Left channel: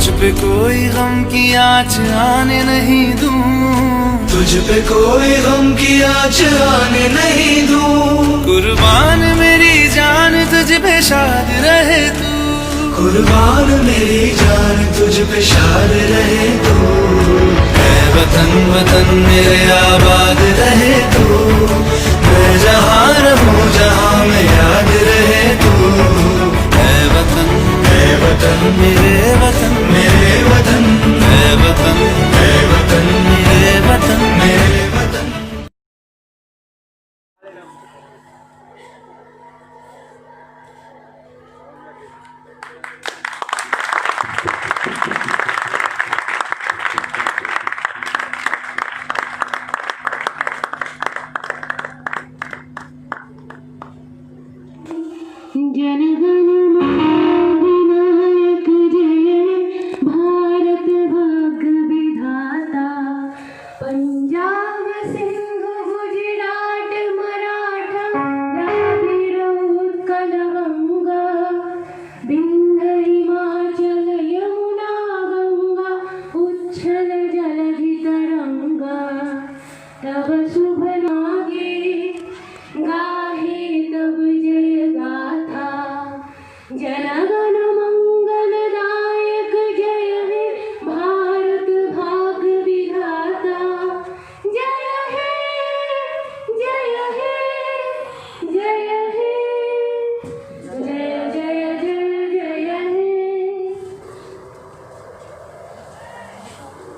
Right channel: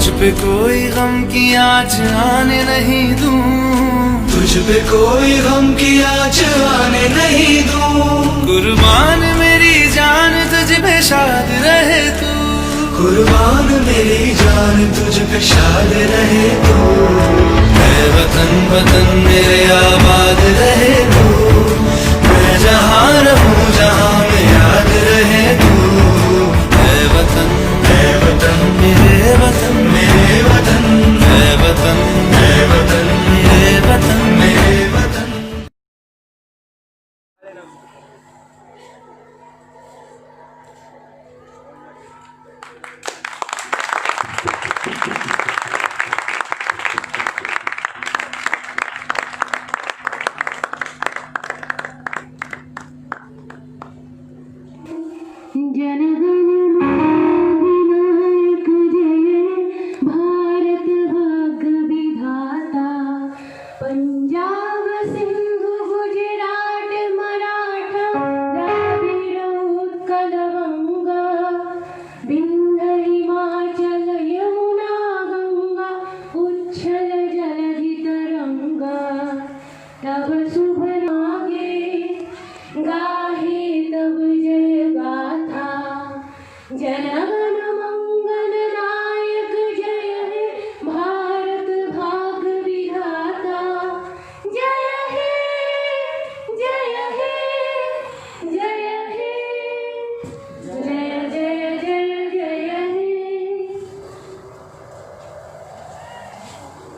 तुझ पे कोई गम की आँच आने नहीं दूं, तुझ पे कोई गम की आँच आने नहीं दूं। कुर्बान मेरी जान तुझ पे शाद रहे तू, कुर्बान मेरी जान तुझ पे शाद रहे तू। मैं वतन वतन मेरे आबाद रहे तू, मैं जहाँ रहूँ जहाँ में याद रहे तू। मैं वतन मेरे वतन मेरे वतन, मैं वतन मेरे वतन मेरे वतन मेरे वतन।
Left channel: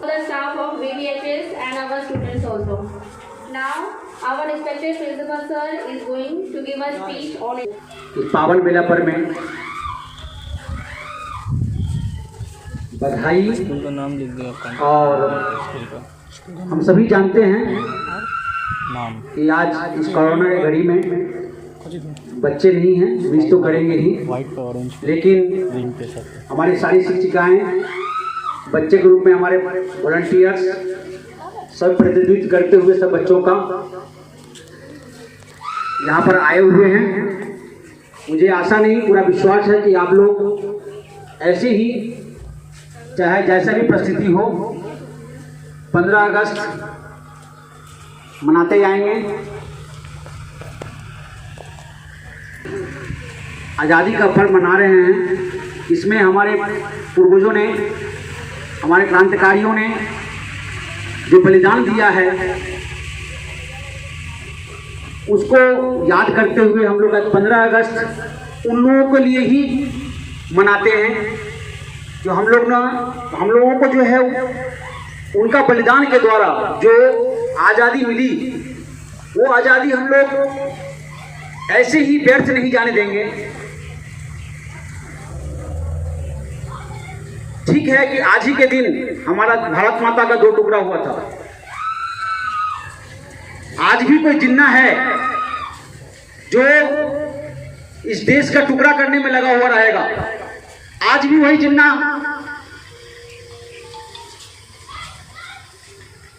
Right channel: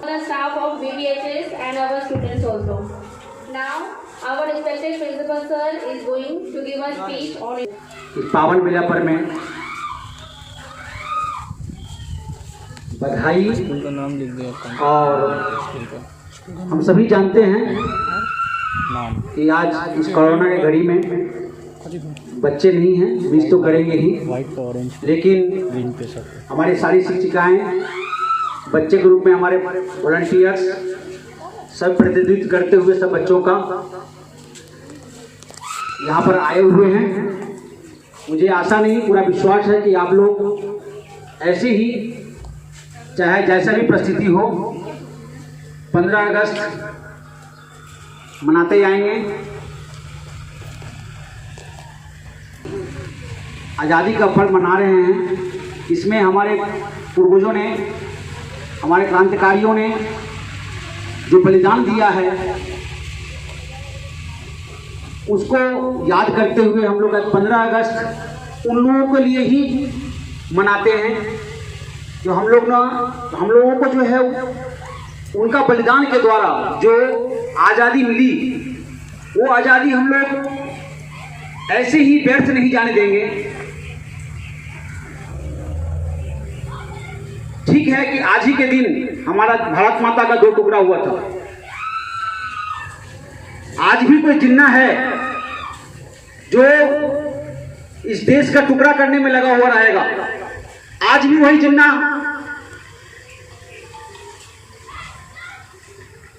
The staff of VVHS and our students also. Now, our respected principal sir is going to give a speech on it. इस पावन बेला पर मैं बधाई और हम सभी जानते हैं कि आज इस कोरोना की घड़ी में बच्चे नहीं हैं, मिस तो करेंगे ही, लेकिन हमारी सारी शिक्षिकाएं बच्चे के रूप में हमारे वॉलंटियर्स सब प्रतिनिधित्व करते हुए सब बच्चों का यहाँ पर आए हुए हैं। मुझे आशा नहीं, पूरा विश्वास है कि आप लोग ऐसे ही चाहे जैसा भी परिस्थिति हो 15 अगस्त मनाते जाएंगे। आज़ादी का पर्व मना रहे हैं। इसमें हमारे पूर्वजों ने, हमारे क्रांतिकारियों ने जो बलिदान दिया है उसको याद करते हुए हम लोग 15 अगस्त उन लोगों के लिए ही मनाते हैं जो हम लोगों को जो है उनका बलिदान के द्वारा जो आज़ादी मिली, वो आज़ादी हम लोग ऐसे ही व्यर्थ नहीं जाने देंगे। ठीक है कि आज ही के दिन हमारा भारत माता का 2 टुकड़ा हुआ था। आज भी कोई जिन्ना है जो इस देश का टुकड़ा करने में लगा हुआ रहेगा। आज भी वही जिन्ना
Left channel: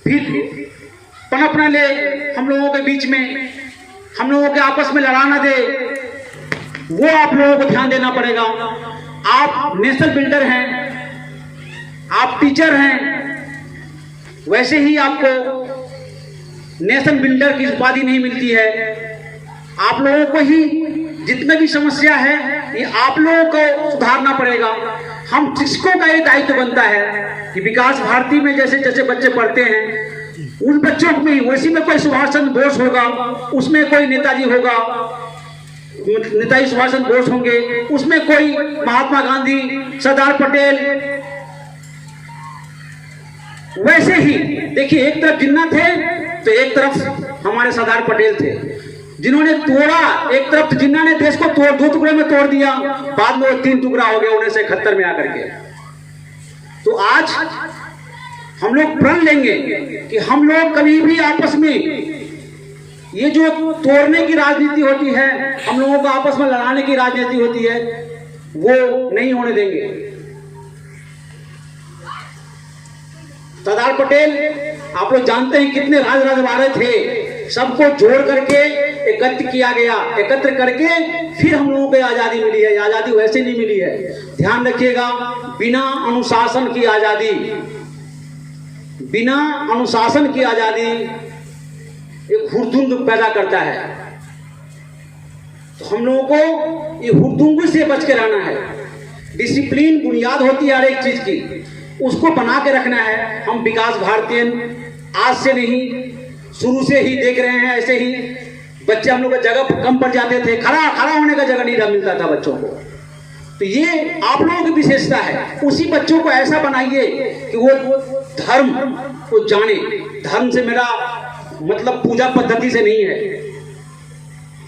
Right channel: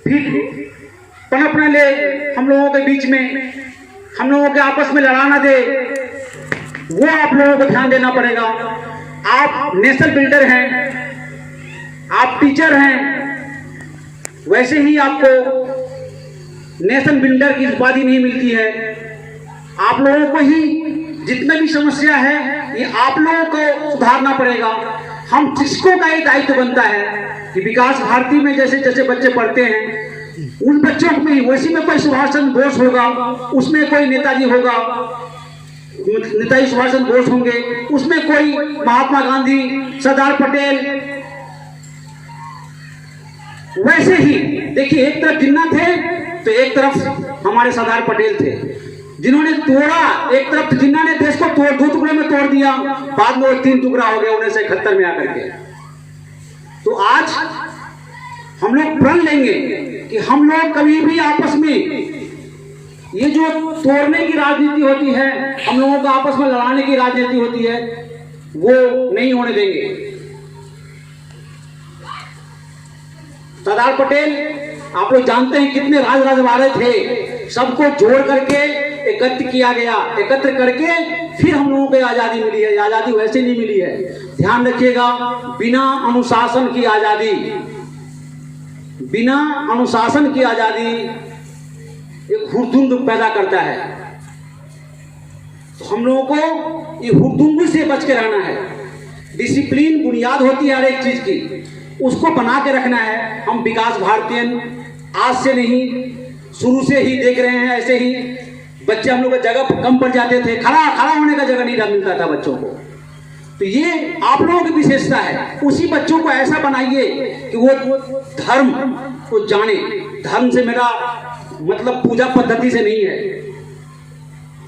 फिर पनप न ले हम लोगों के बीच में, हम लोगों के आपस में लड़ा न दे, वो आप लोगों को ध्यान देना पड़ेगा। आप नेशनल बिल्डर हैं, आप टीचर हैं, वैसे ही आपको नेशन बिल्डर की उपाधि नहीं मिलती है। आप लोगों को ही जितना भी समस्या है ये आप लोगों को सुधारना पड़ेगा। हम शिक्षकों का ये दायित्व बनता है कि विकास भारती में जैसे जैसे बच्चे पढ़ते हैं उन बच्चों में वैसे में कोई सुभाष चंद्र बोस होगा, उसमें कोई नेताजी होगा, नेताजी सुभाष चंद्र बोस होंगे, उसमें कोई महात्मा गांधी, सरदार पटेल, वैसे ही देखिए एक तरफ जिन्ना थे तो एक तरफ हमारे सरदार पटेल थे जिन्होंने तोड़ा। एक तरफ जिन्ना ने देश को 2 टुकड़ों में तोड़ दिया, बाद में वो 3 टुकड़ा हो गया 1971 में आकर के। तो आज हम लोग प्रण लेंगे कि हम लोग कभी भी आपस में ये जो तोड़ने की राजनीति होती है, हम लोगों को आपस में लड़ाने की राजनीति होती है, वो नहीं होने देंगे। सरदार पटेल आप लोग जानते हैं कितने राजवाड़े थे, सबको जोड़ करके एकत्र किया गया, एकत्र करके फिर हम लोगों को आज़ादी मिली है। आज़ादी वैसे नहीं मिली है, ध्यान रखिएगा, बिना अनुशासन की आजादी, बिना अनुशासन की आजादी एक हुड़दुंग पैदा करता है। तो हम लोगों को ये हुड़दुंग से बच के रहना है। डिसिप्लिन बुनियाद होती है हर एक चीज की, उसको बना के रखना है। हम विकास भारतीयन आज से नहीं, शुरू से ही देख रहे हैं। ऐसे ही बच्चे हम लोग को जगह कम पड़ जाते थे, खड़ा होने का जगह नहीं मिलता था बच्चों को। तो ये आप लोगों की विशेषता है। उसी बच्चों को ऐसा बनाइए कि वो धर्म को जाने। धर्म से मेरा मतलब पूजा पद्धति से नहीं है।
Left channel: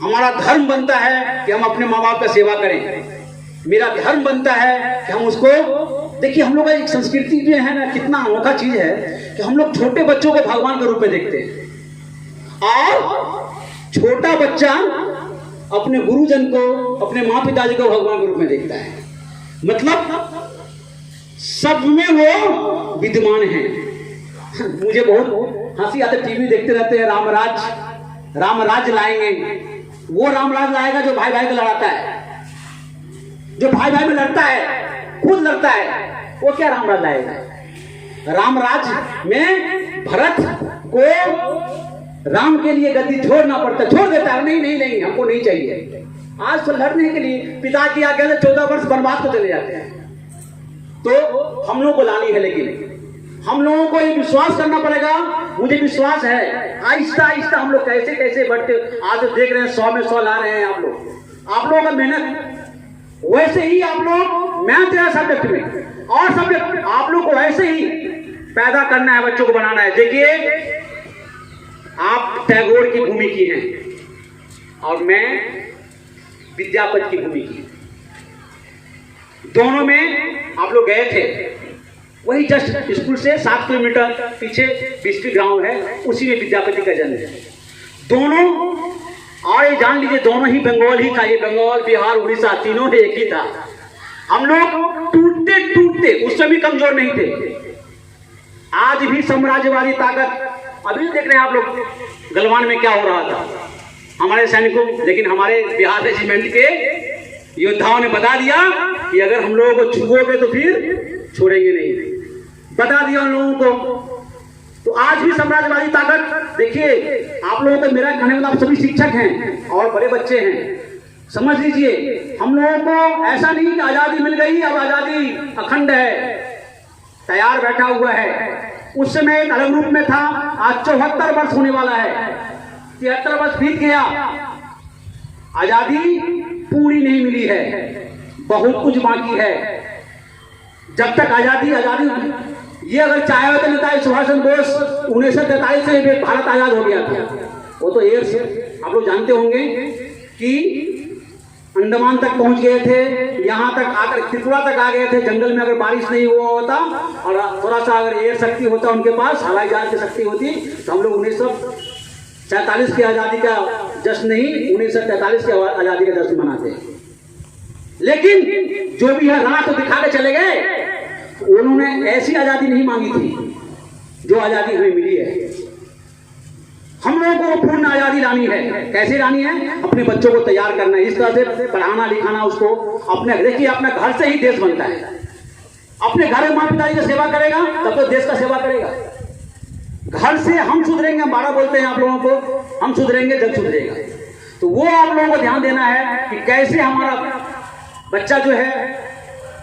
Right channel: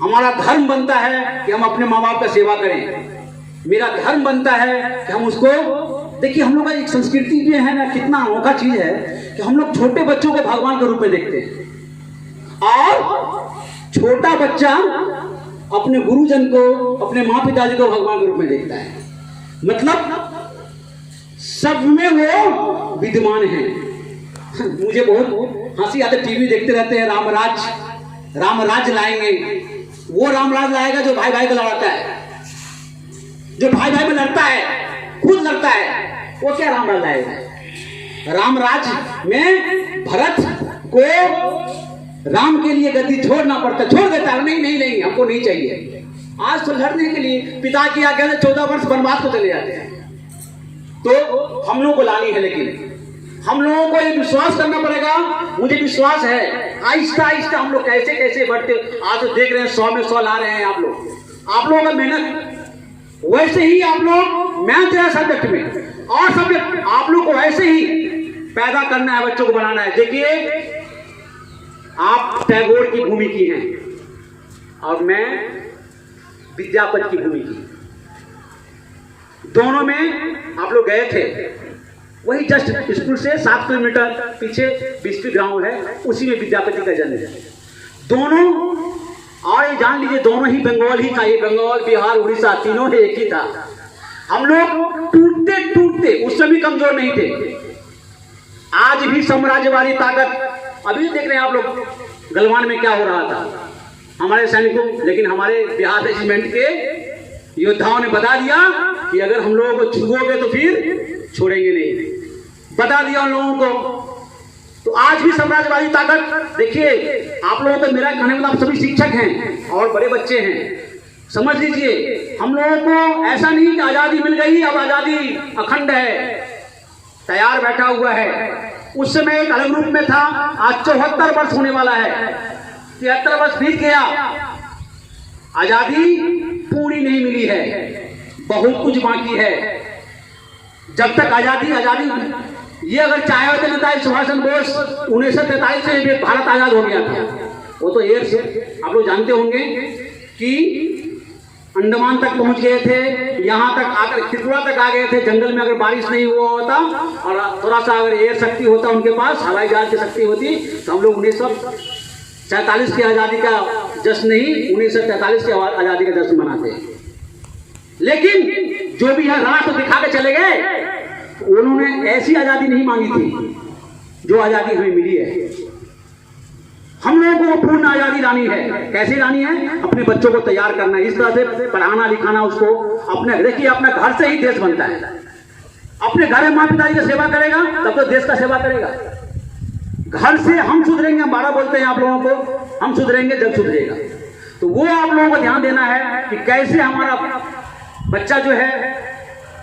हमारा धर्म बनता है कि हम अपने माँ बाप का सेवा करें। मेरा धर्म बनता है कि हम उसको, देखिए हम लोग का एक संस्कृति जो है ना, कितना अनोखा चीज है कि हम लोग छोटे बच्चों को भगवान के रूप में देखते हैं और छोटा बच्चा अपने गुरुजन को, अपने माँ पिताजी को भगवान के रूप में देखता है। मतलब सब में वो विद्यमान है। मुझे बहुत हंसी आती, टीवी देखते रहते हैं, रामराज लाएंगे। वो रामराज लाएगा जो भाई भाई को लड़ाता है, जो भाई भाई में लड़ता है, खुद लड़ता है, वो क्या रामराज लाएगा। रामराज में भरत को राम के लिए गद्दी छोड़ना पड़ता, छोड़ देता है, नहीं हमको नहीं चाहिए। आज तो लड़ने के लिए पिता की आज्ञा से 14 वर्ष वनवास को चले जाते हैं। तो हम लोग को लानी है, लेकिन हम लोगों को ये विश्वास करना पड़ेगा। मुझे विश्वास है आहिस्ता आहिस्ता हम लोग कैसे कैसे बढ़ते, आज तो देख रहे हैं 100 में 100 ला रहे हैं आप लोगों का मेहनत। वैसे ही आप लोग मैथ है सब्जेक्ट में, और सब्जेक्ट आप लोग को वैसे ही पैदा करना है, बच्चों को बनाना है। देखिए आप टैगोर की भूमि की हैं और मैं विद्यापति की भूमि की। दोनों में आप लोग गए थे। वही जस्ट स्कूल से 7 किलोमीटर पीछे बिस्की गांव है, उसी में विद्यापति का जन्म है। दोनों, और ये जान लीजिए दोनों ही बंगाल ही था। ये बंगाल, बिहार, उड़ीसा तीनों में एक ही था। हम लोग टूटते टूटते उससे भी कमजोर नहीं थे। आज भी साम्राज्यवादी ताकत, अभी देख रहे हैं आप लोग गलवान में क्या हो रहा था हमारे सैनिकों, लेकिन हमारे बिहार रेजिमेंट के योद्धाओं ने बता दिया कि अगर हम लोगों को छुओगे तो फिर छोड़ेंगे नहीं, बता दिया उन लोगों को। तो आज भी साम्राज्यवादी ताकत, देखिए आप लोगों को मेरा कहने वाला, आप सभी शिक्षक हैं और बड़े बच्चे हैं, समझ लीजिए हम लोगों को ऐसा नहीं कि आजादी मिल गई अब आजादी अखंड है, तैयार बैठा हुआ है। उस समय एक अलग रूप में था, आज 74 वर्ष होने वाला है, 73 वर्ष बीत गया, आजादी पूरी नहीं मिली है, बहुत कुछ बाकी है। जब तक आजादी ये अगर चाहे होते नेताजी सुभाष चंद्र बोस 1943 से भारत आजाद हो गया था। वो तो एयर से आप लोग जानते होंगे कि अंडमान तक पहुंच गए थे, यहाँ तक आकर त्रिपुरा तक आ गए थे। जंगल में अगर बारिश नहीं हुआ होता और थोड़ा सा अगर एयर शक्ति होता उनके पास, हवाई जहाज की शक्ति होती, तो हम लोग 1947 की आज़ादी का जश्न नहीं, 1943 की आज़ादी का जश्न मनाते हैं। लेकिन जो भी है राह तो दिखा के चले गए। उन्होंने ऐसी आज़ादी नहीं मांगी थी जो आज़ादी हमें मिली है। हम लोगों को पूर्ण आज़ादी लानी है। कैसे लानी है? अपने बच्चों को तैयार करना है, इस तरह से पढ़ाना लिखाना उसको। अपने देखिए अपने घर से ही देश बनता है। अपने घर में माँ पिताजी की सेवा करेगा तब तो देश का सेवा करेगा। घर से हम सुधरेंगे, हम 12 बोलते हैं आप लोगों को, हम सुधरेंगे जब सुधरेगा। तो वो आप लोगों को ध्यान देना है कि कैसे हमारा बच्चा जो है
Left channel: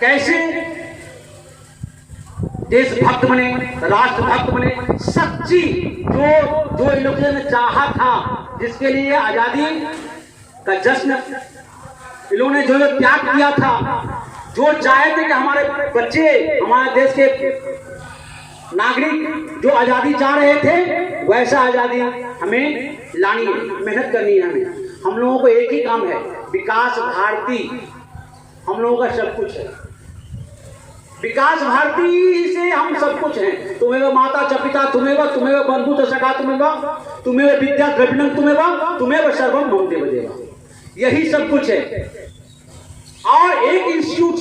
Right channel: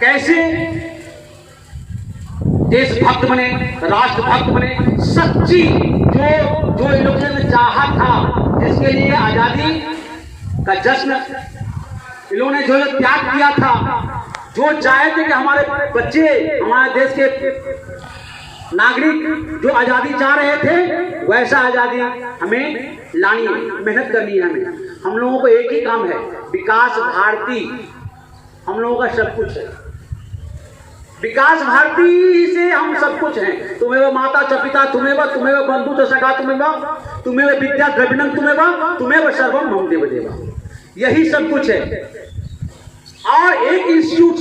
कैसे देशभक्त बने, राष्ट्रभक्त बने, सच्ची जो इन लोगों ने चाहा था, जिसके लिए आजादी का जश्न इन लोगों ने जो त्याग किया था, जो चाहे थे कि हमारे बच्चे, हमारे देश के नागरिक जो आजादी चाह रहे थे, वैसा आजादी हमें लानी है, मेहनत करनी है हमें। हम लोगों को एक ही काम है, विकास भारती हम लोगों का सब कुछ है। विकास भारती से हम सब कुछ हैं। तुम्हें माता च पिता, तुम्हें बंधु च सखा, तुम्हें विद्या द्रविणम, तुम्हें सर्वम मम देव देवा, यही सब कुछ है। और एक इंस्टीट्यूट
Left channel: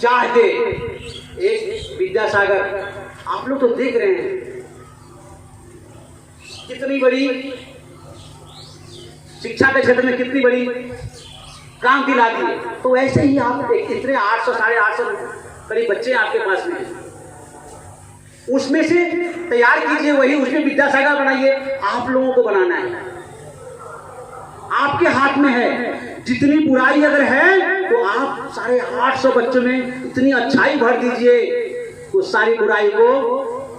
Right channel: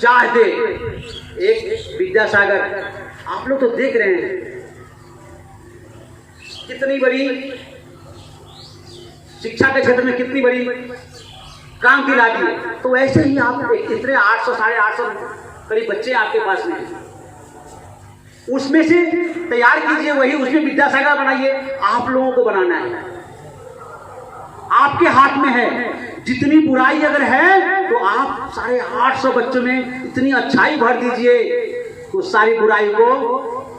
चाहते, एक विद्यासागर, आप लोग तो देख रहे हैं कितनी बड़ी शिक्षा के क्षेत्र में कितनी बड़ी क्रांति लाती है। तो वैसे ही आप इतने 800 साढ़े 800 करीब बच्चे आपके पास में हैं, उसमें से तैयार कीजिए वही, उसमें विद्यासागर बनाइए। आप लोगों को बनाना है, आपके हाथ में है। जितनी बुराई अगर है तो आप 850 बच्चों में इतनी अच्छाई भर दीजिए तो सारी बुराई को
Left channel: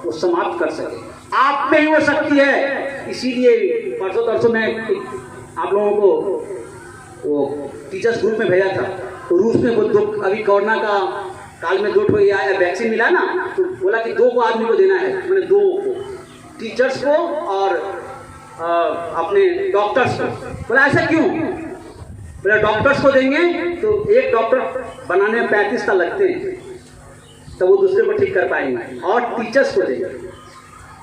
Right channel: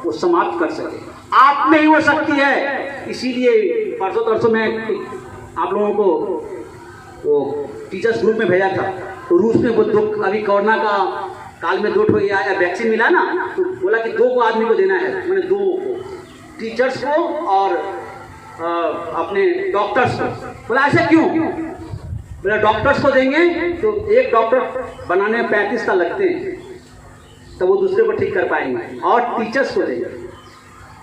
वो समाप्त कर सके। आप में ही वो शक्ति है। इसीलिए परसों तरसों में आप लोगों को वो टीचर्स ग्रुप में भेजा था, तो रूस में वो अभी कोरोना का काल में 2 वैक्सीन मिला ना, तो बोला कि 2 को आदमी को देना है, मैंने 2 को, टीचर्स को और अपने डॉक्टर्स को। बोला ऐसा क्यों? बोला डॉक्टर्स को देंगे तो एक डॉक्टर बनाने में 35 साल लगते हैं, तो वो दूसरे को ठीक कर पाएंगे, और टीचर्स को देंगे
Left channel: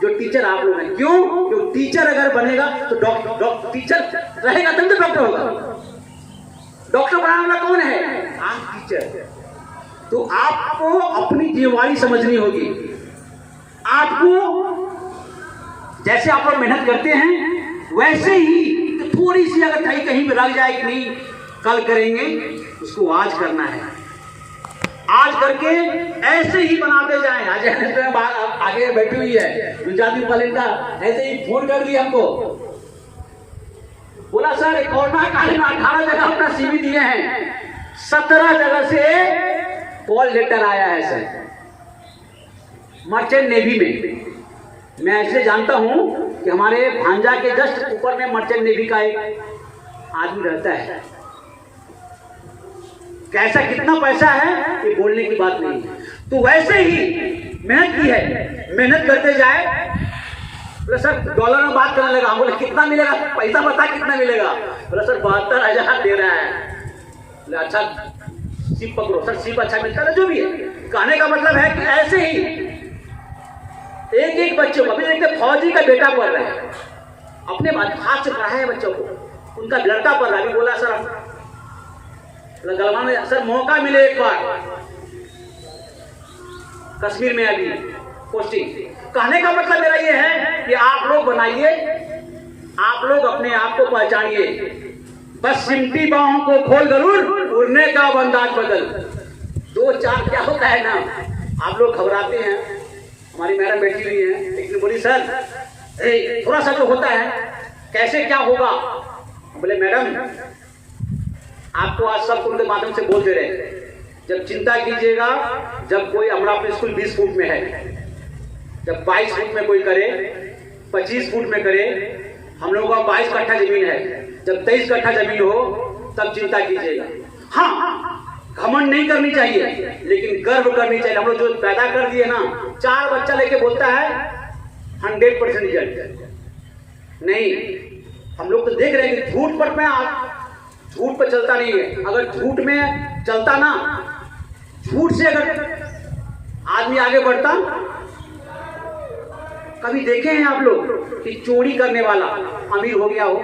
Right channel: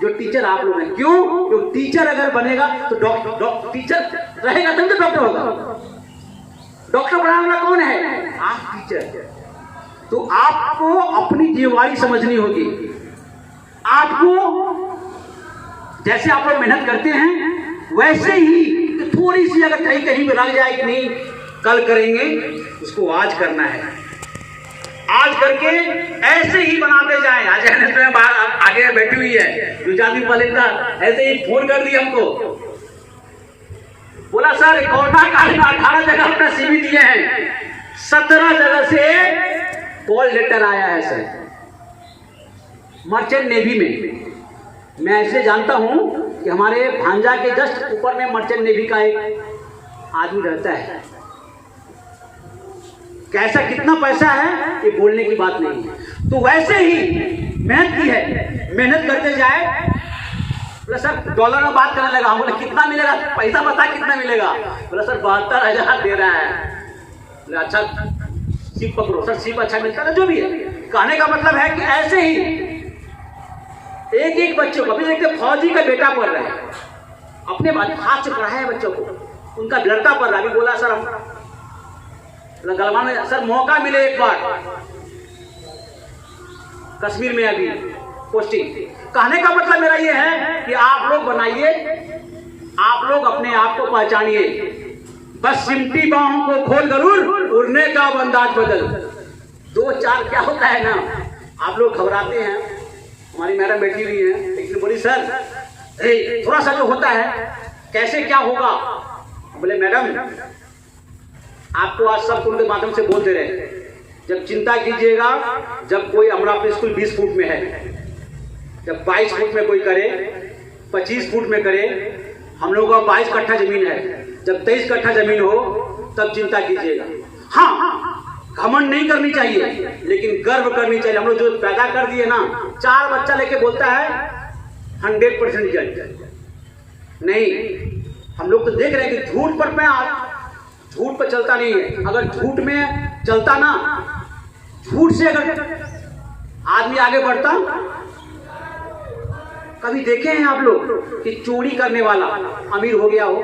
जो टीचर आप लोग हैं। क्यों? जो टीचर अगर बनेगा तो टीचर रहेगा तब तो डॉक्टर होगा। डॉक्टर बनाने वाला कौन है? आप टीचर। तो आपको अपनी जिम्मेवारी समझनी होगी। आपको जैसे आप लोग मेहनत करते हैं वैसे ही थोड़ी सी अगर कहीं में रह जाए कि नहीं कल करेंगे, उसको आज करना है। आज करके ऐसे ही बनाते जाएं। आज आगे बैठी हुई है, 2-4 दिन पहले था, ऐसे ही फोन कर दिया हमको, बोला सर कोरोना काल में 18 जगह अपना CV दिए हैं, 17 जगह से कॉल लेटर आया है सर, मर्चेंट नेवी में। मैं ऐसे जानता हूं कि हमारे भांजा के जस्ट ऊपर में मर्चेंट नेवी का एक आदमी रहता है। कैसा कितना पैसा है ये बोलने की बात नहीं है। तो वैसे ही मेहनत की है, मेहनत करते जाए। बोला सर डॉलर में बात करने लगा। हम बोले कितना मिलेगा, पैसा बता कितना मिलेगा? बोला सर 72,000 दे रहा है। बोला अच्छा सिप पकड़ो। सर सिप अच्छा मिलता है, जो भी है। कहने का मतलब है कि ऐसे ही एक बच्चों को, अभी देखते फौजी का बेटा पढ़ रहा है, अपने हाथ से पढ़ाया है बच्चों को, उनका लड़का पढ़ रहा है। अभी बोला सर हम गलवान में सर मौका मिले एक बार कश्मीर में अभी पोस्टिंग। कहने का मतलब मेरा ये है कि आप लोग बनाइए, आप लोग अपने आप को पहचानिए। बस सिमटी बाहों को खोल गरुड़, उड़ने का अंदाज बदल। 2-4 क्या होता है ना, आप लोग घबराते हैं। हमारी मैडम बैठी हुई है, लेकिन बोली सर थोड़ा सा जो होता है कैसे क्या होगा। बोले मैडम आपको आज सब उनके माध्यम से बोल दे रहे हैं, जब चिंता कीजिएगा, जब कोई हमारा अपने स्कूल 20 फुट में है, जब 22 फुट में कोई करे, 25 फुट में करे, हम लोगों का 22 कट्ठा जमीन है, जब 23 कट्ठा जमीन हो तब चिंता कीजिएगा। हाँ घमंड नहीं करनी चाहिए, लेकिन गर्व करनी चाहिए। हम लोग जो पैदा कर दिए ना, 4 बच्चा लेके बोलता है 100% रिजल्ट नहीं। हम लोग तो देख रहे हैं कि झूठ पर चलता नहीं है। अगर झूठ में चलता ना, झूठ से अगर आदमी आगे बढ़ता, कभी देखे हैं आप लोग कि चोरी करने वाला अमीर हो गया हो?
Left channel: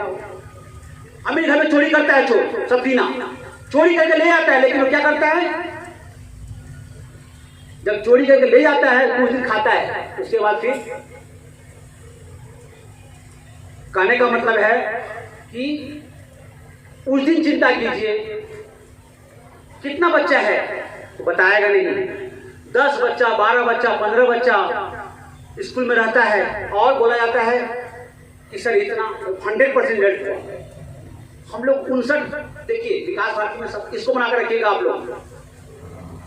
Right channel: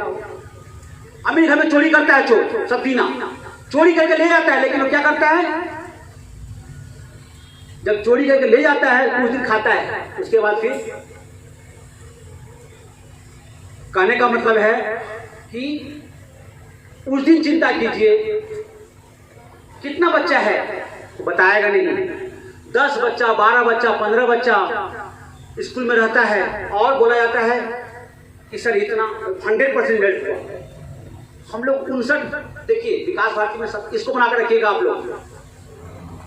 अमीर घर में चोरी करता है, चोर सफीना चोरी करके ले आता है, लेकिन वो क्या करता है, जब चोरी करके ले जाता है कुछ दिन खाता है, उसके बाद फिर। कहने का मतलब है कि उस दिन चिंता कीजिए कितना बच्चा है तो बताएगा नहीं। 10 बच्चा, 12 बच्चा, 15 बच्चा स्कूल में रहता है और बोला जाता है कि सर इतना 100% रिजल्ट हुआ। हम लोग 59, देखिए विकास भारती में सब इसको बनाकर रखिएगा आप लोग।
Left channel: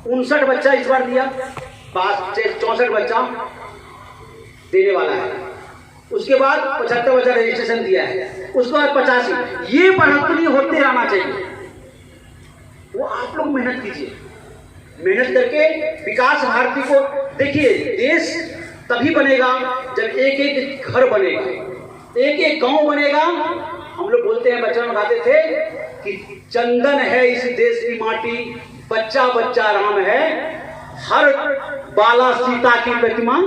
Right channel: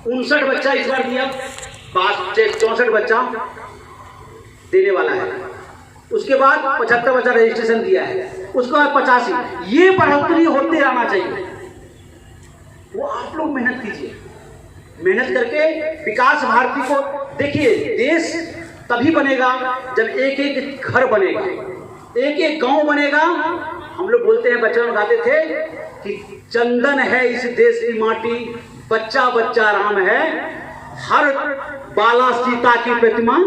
59 बच्चा इस बार दिया, 64 बच्चा देने वाला है। उसके बाद 75 बच्चा रजिस्ट्रेशन दिया है, उसके बाद 85। ये बढ़ोतरी होते रहना चाहिए। वो आप लोग मेहनत कीजिए, मेहनत करके विकास भारती को देखिए। देश तभी बनेगा जब एक एक घर बनेगा, एक एक गांव बनेगा। हम लोग बोलते हैं, बचपन में गाते थे कि चंदन है इस देश की माटी, बच्चा बच्चा राम है, हर बाला सीता की प्रतिमा,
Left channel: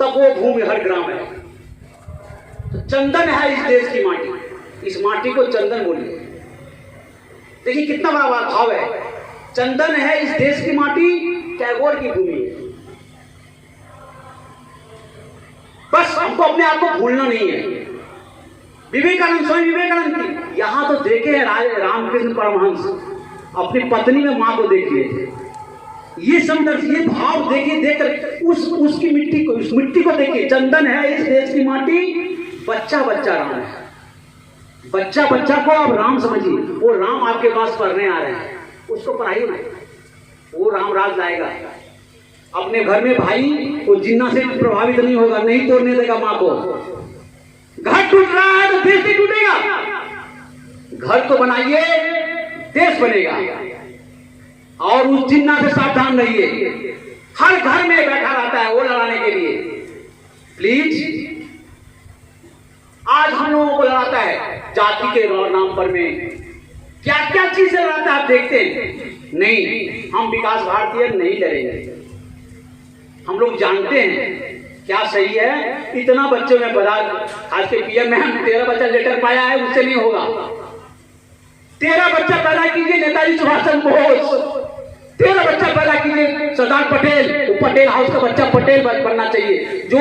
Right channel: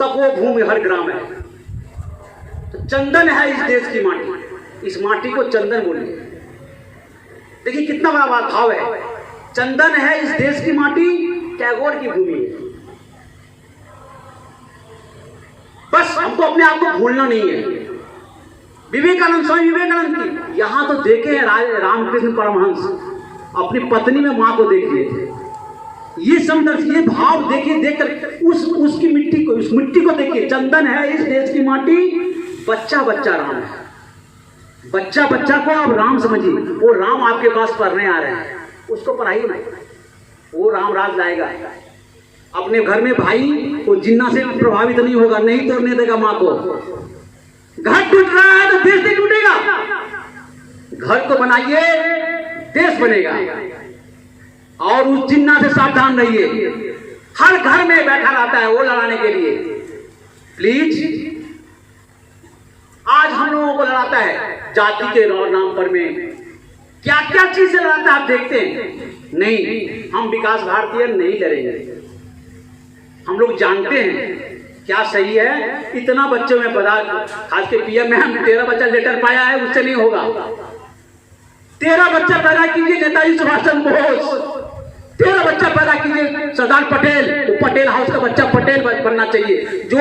तब वो भूमि हर ग्राम है। तो चंदन है इस देश की माटी, इस माटी को चंदन बोलिए। देखिए कितना बड़ा भाव है। चंदन है इस देश की माटी, टैगोर की भूमि है। बस हमको अपने आप को भूलना नहीं है। विवेकानंद, स्वामी विवेकानंद की यहाँ तो देखे हैं रामकृष्ण परमहंस अपनी पत्नी में माँ को देखिए, ये संदर्भ, ये भाव देखिए, देखकर उसकी मिट्टी को, उस मिट्टी को देखिए, चंदन है इस देश की माटी, बच्चा बच्चा राम है, बच्चा बच्चा को आप राम समझिए। वो राम आपके पास पढ़ने आ रहे हैं, उसको पढ़ाइए ना, वो राम राज लाएगा। अपने घर में भाई वो जिन्ना से प्रभावित नहीं होगा, नहीं तोड़ने देगा माँ को। घर टूट रहा है तो देश नहीं टूटेगा। घर को बनाइए, देश बनेगा। और उस जिन्ना से सावधान रहिए, हर घर में बैठा रहता है वो लड़ाने के लिए। प्लीज, आज हम लोगों को लड़ाता है जाति के नाम पर में, क्या क्या चीज से लड़ाता है आप देखते हैं। नहीं, हम विकास भारतीय नहीं लड़ेंगे। हम लोग जानते हैं क्या सही है। इतना बच्चों में बता, आज के पीएम में हम 13 बच्चा लेटर पाया है, उससे नहीं होगा। 13 बच्चा पैदा कीजिए नेताजी सुभाष चंद्र बोस, 13 बच्चा पैदा कीजिए सरदार पटेल, वो पटेल हाउस का बच्चा पटेल बनना चाहिए, जो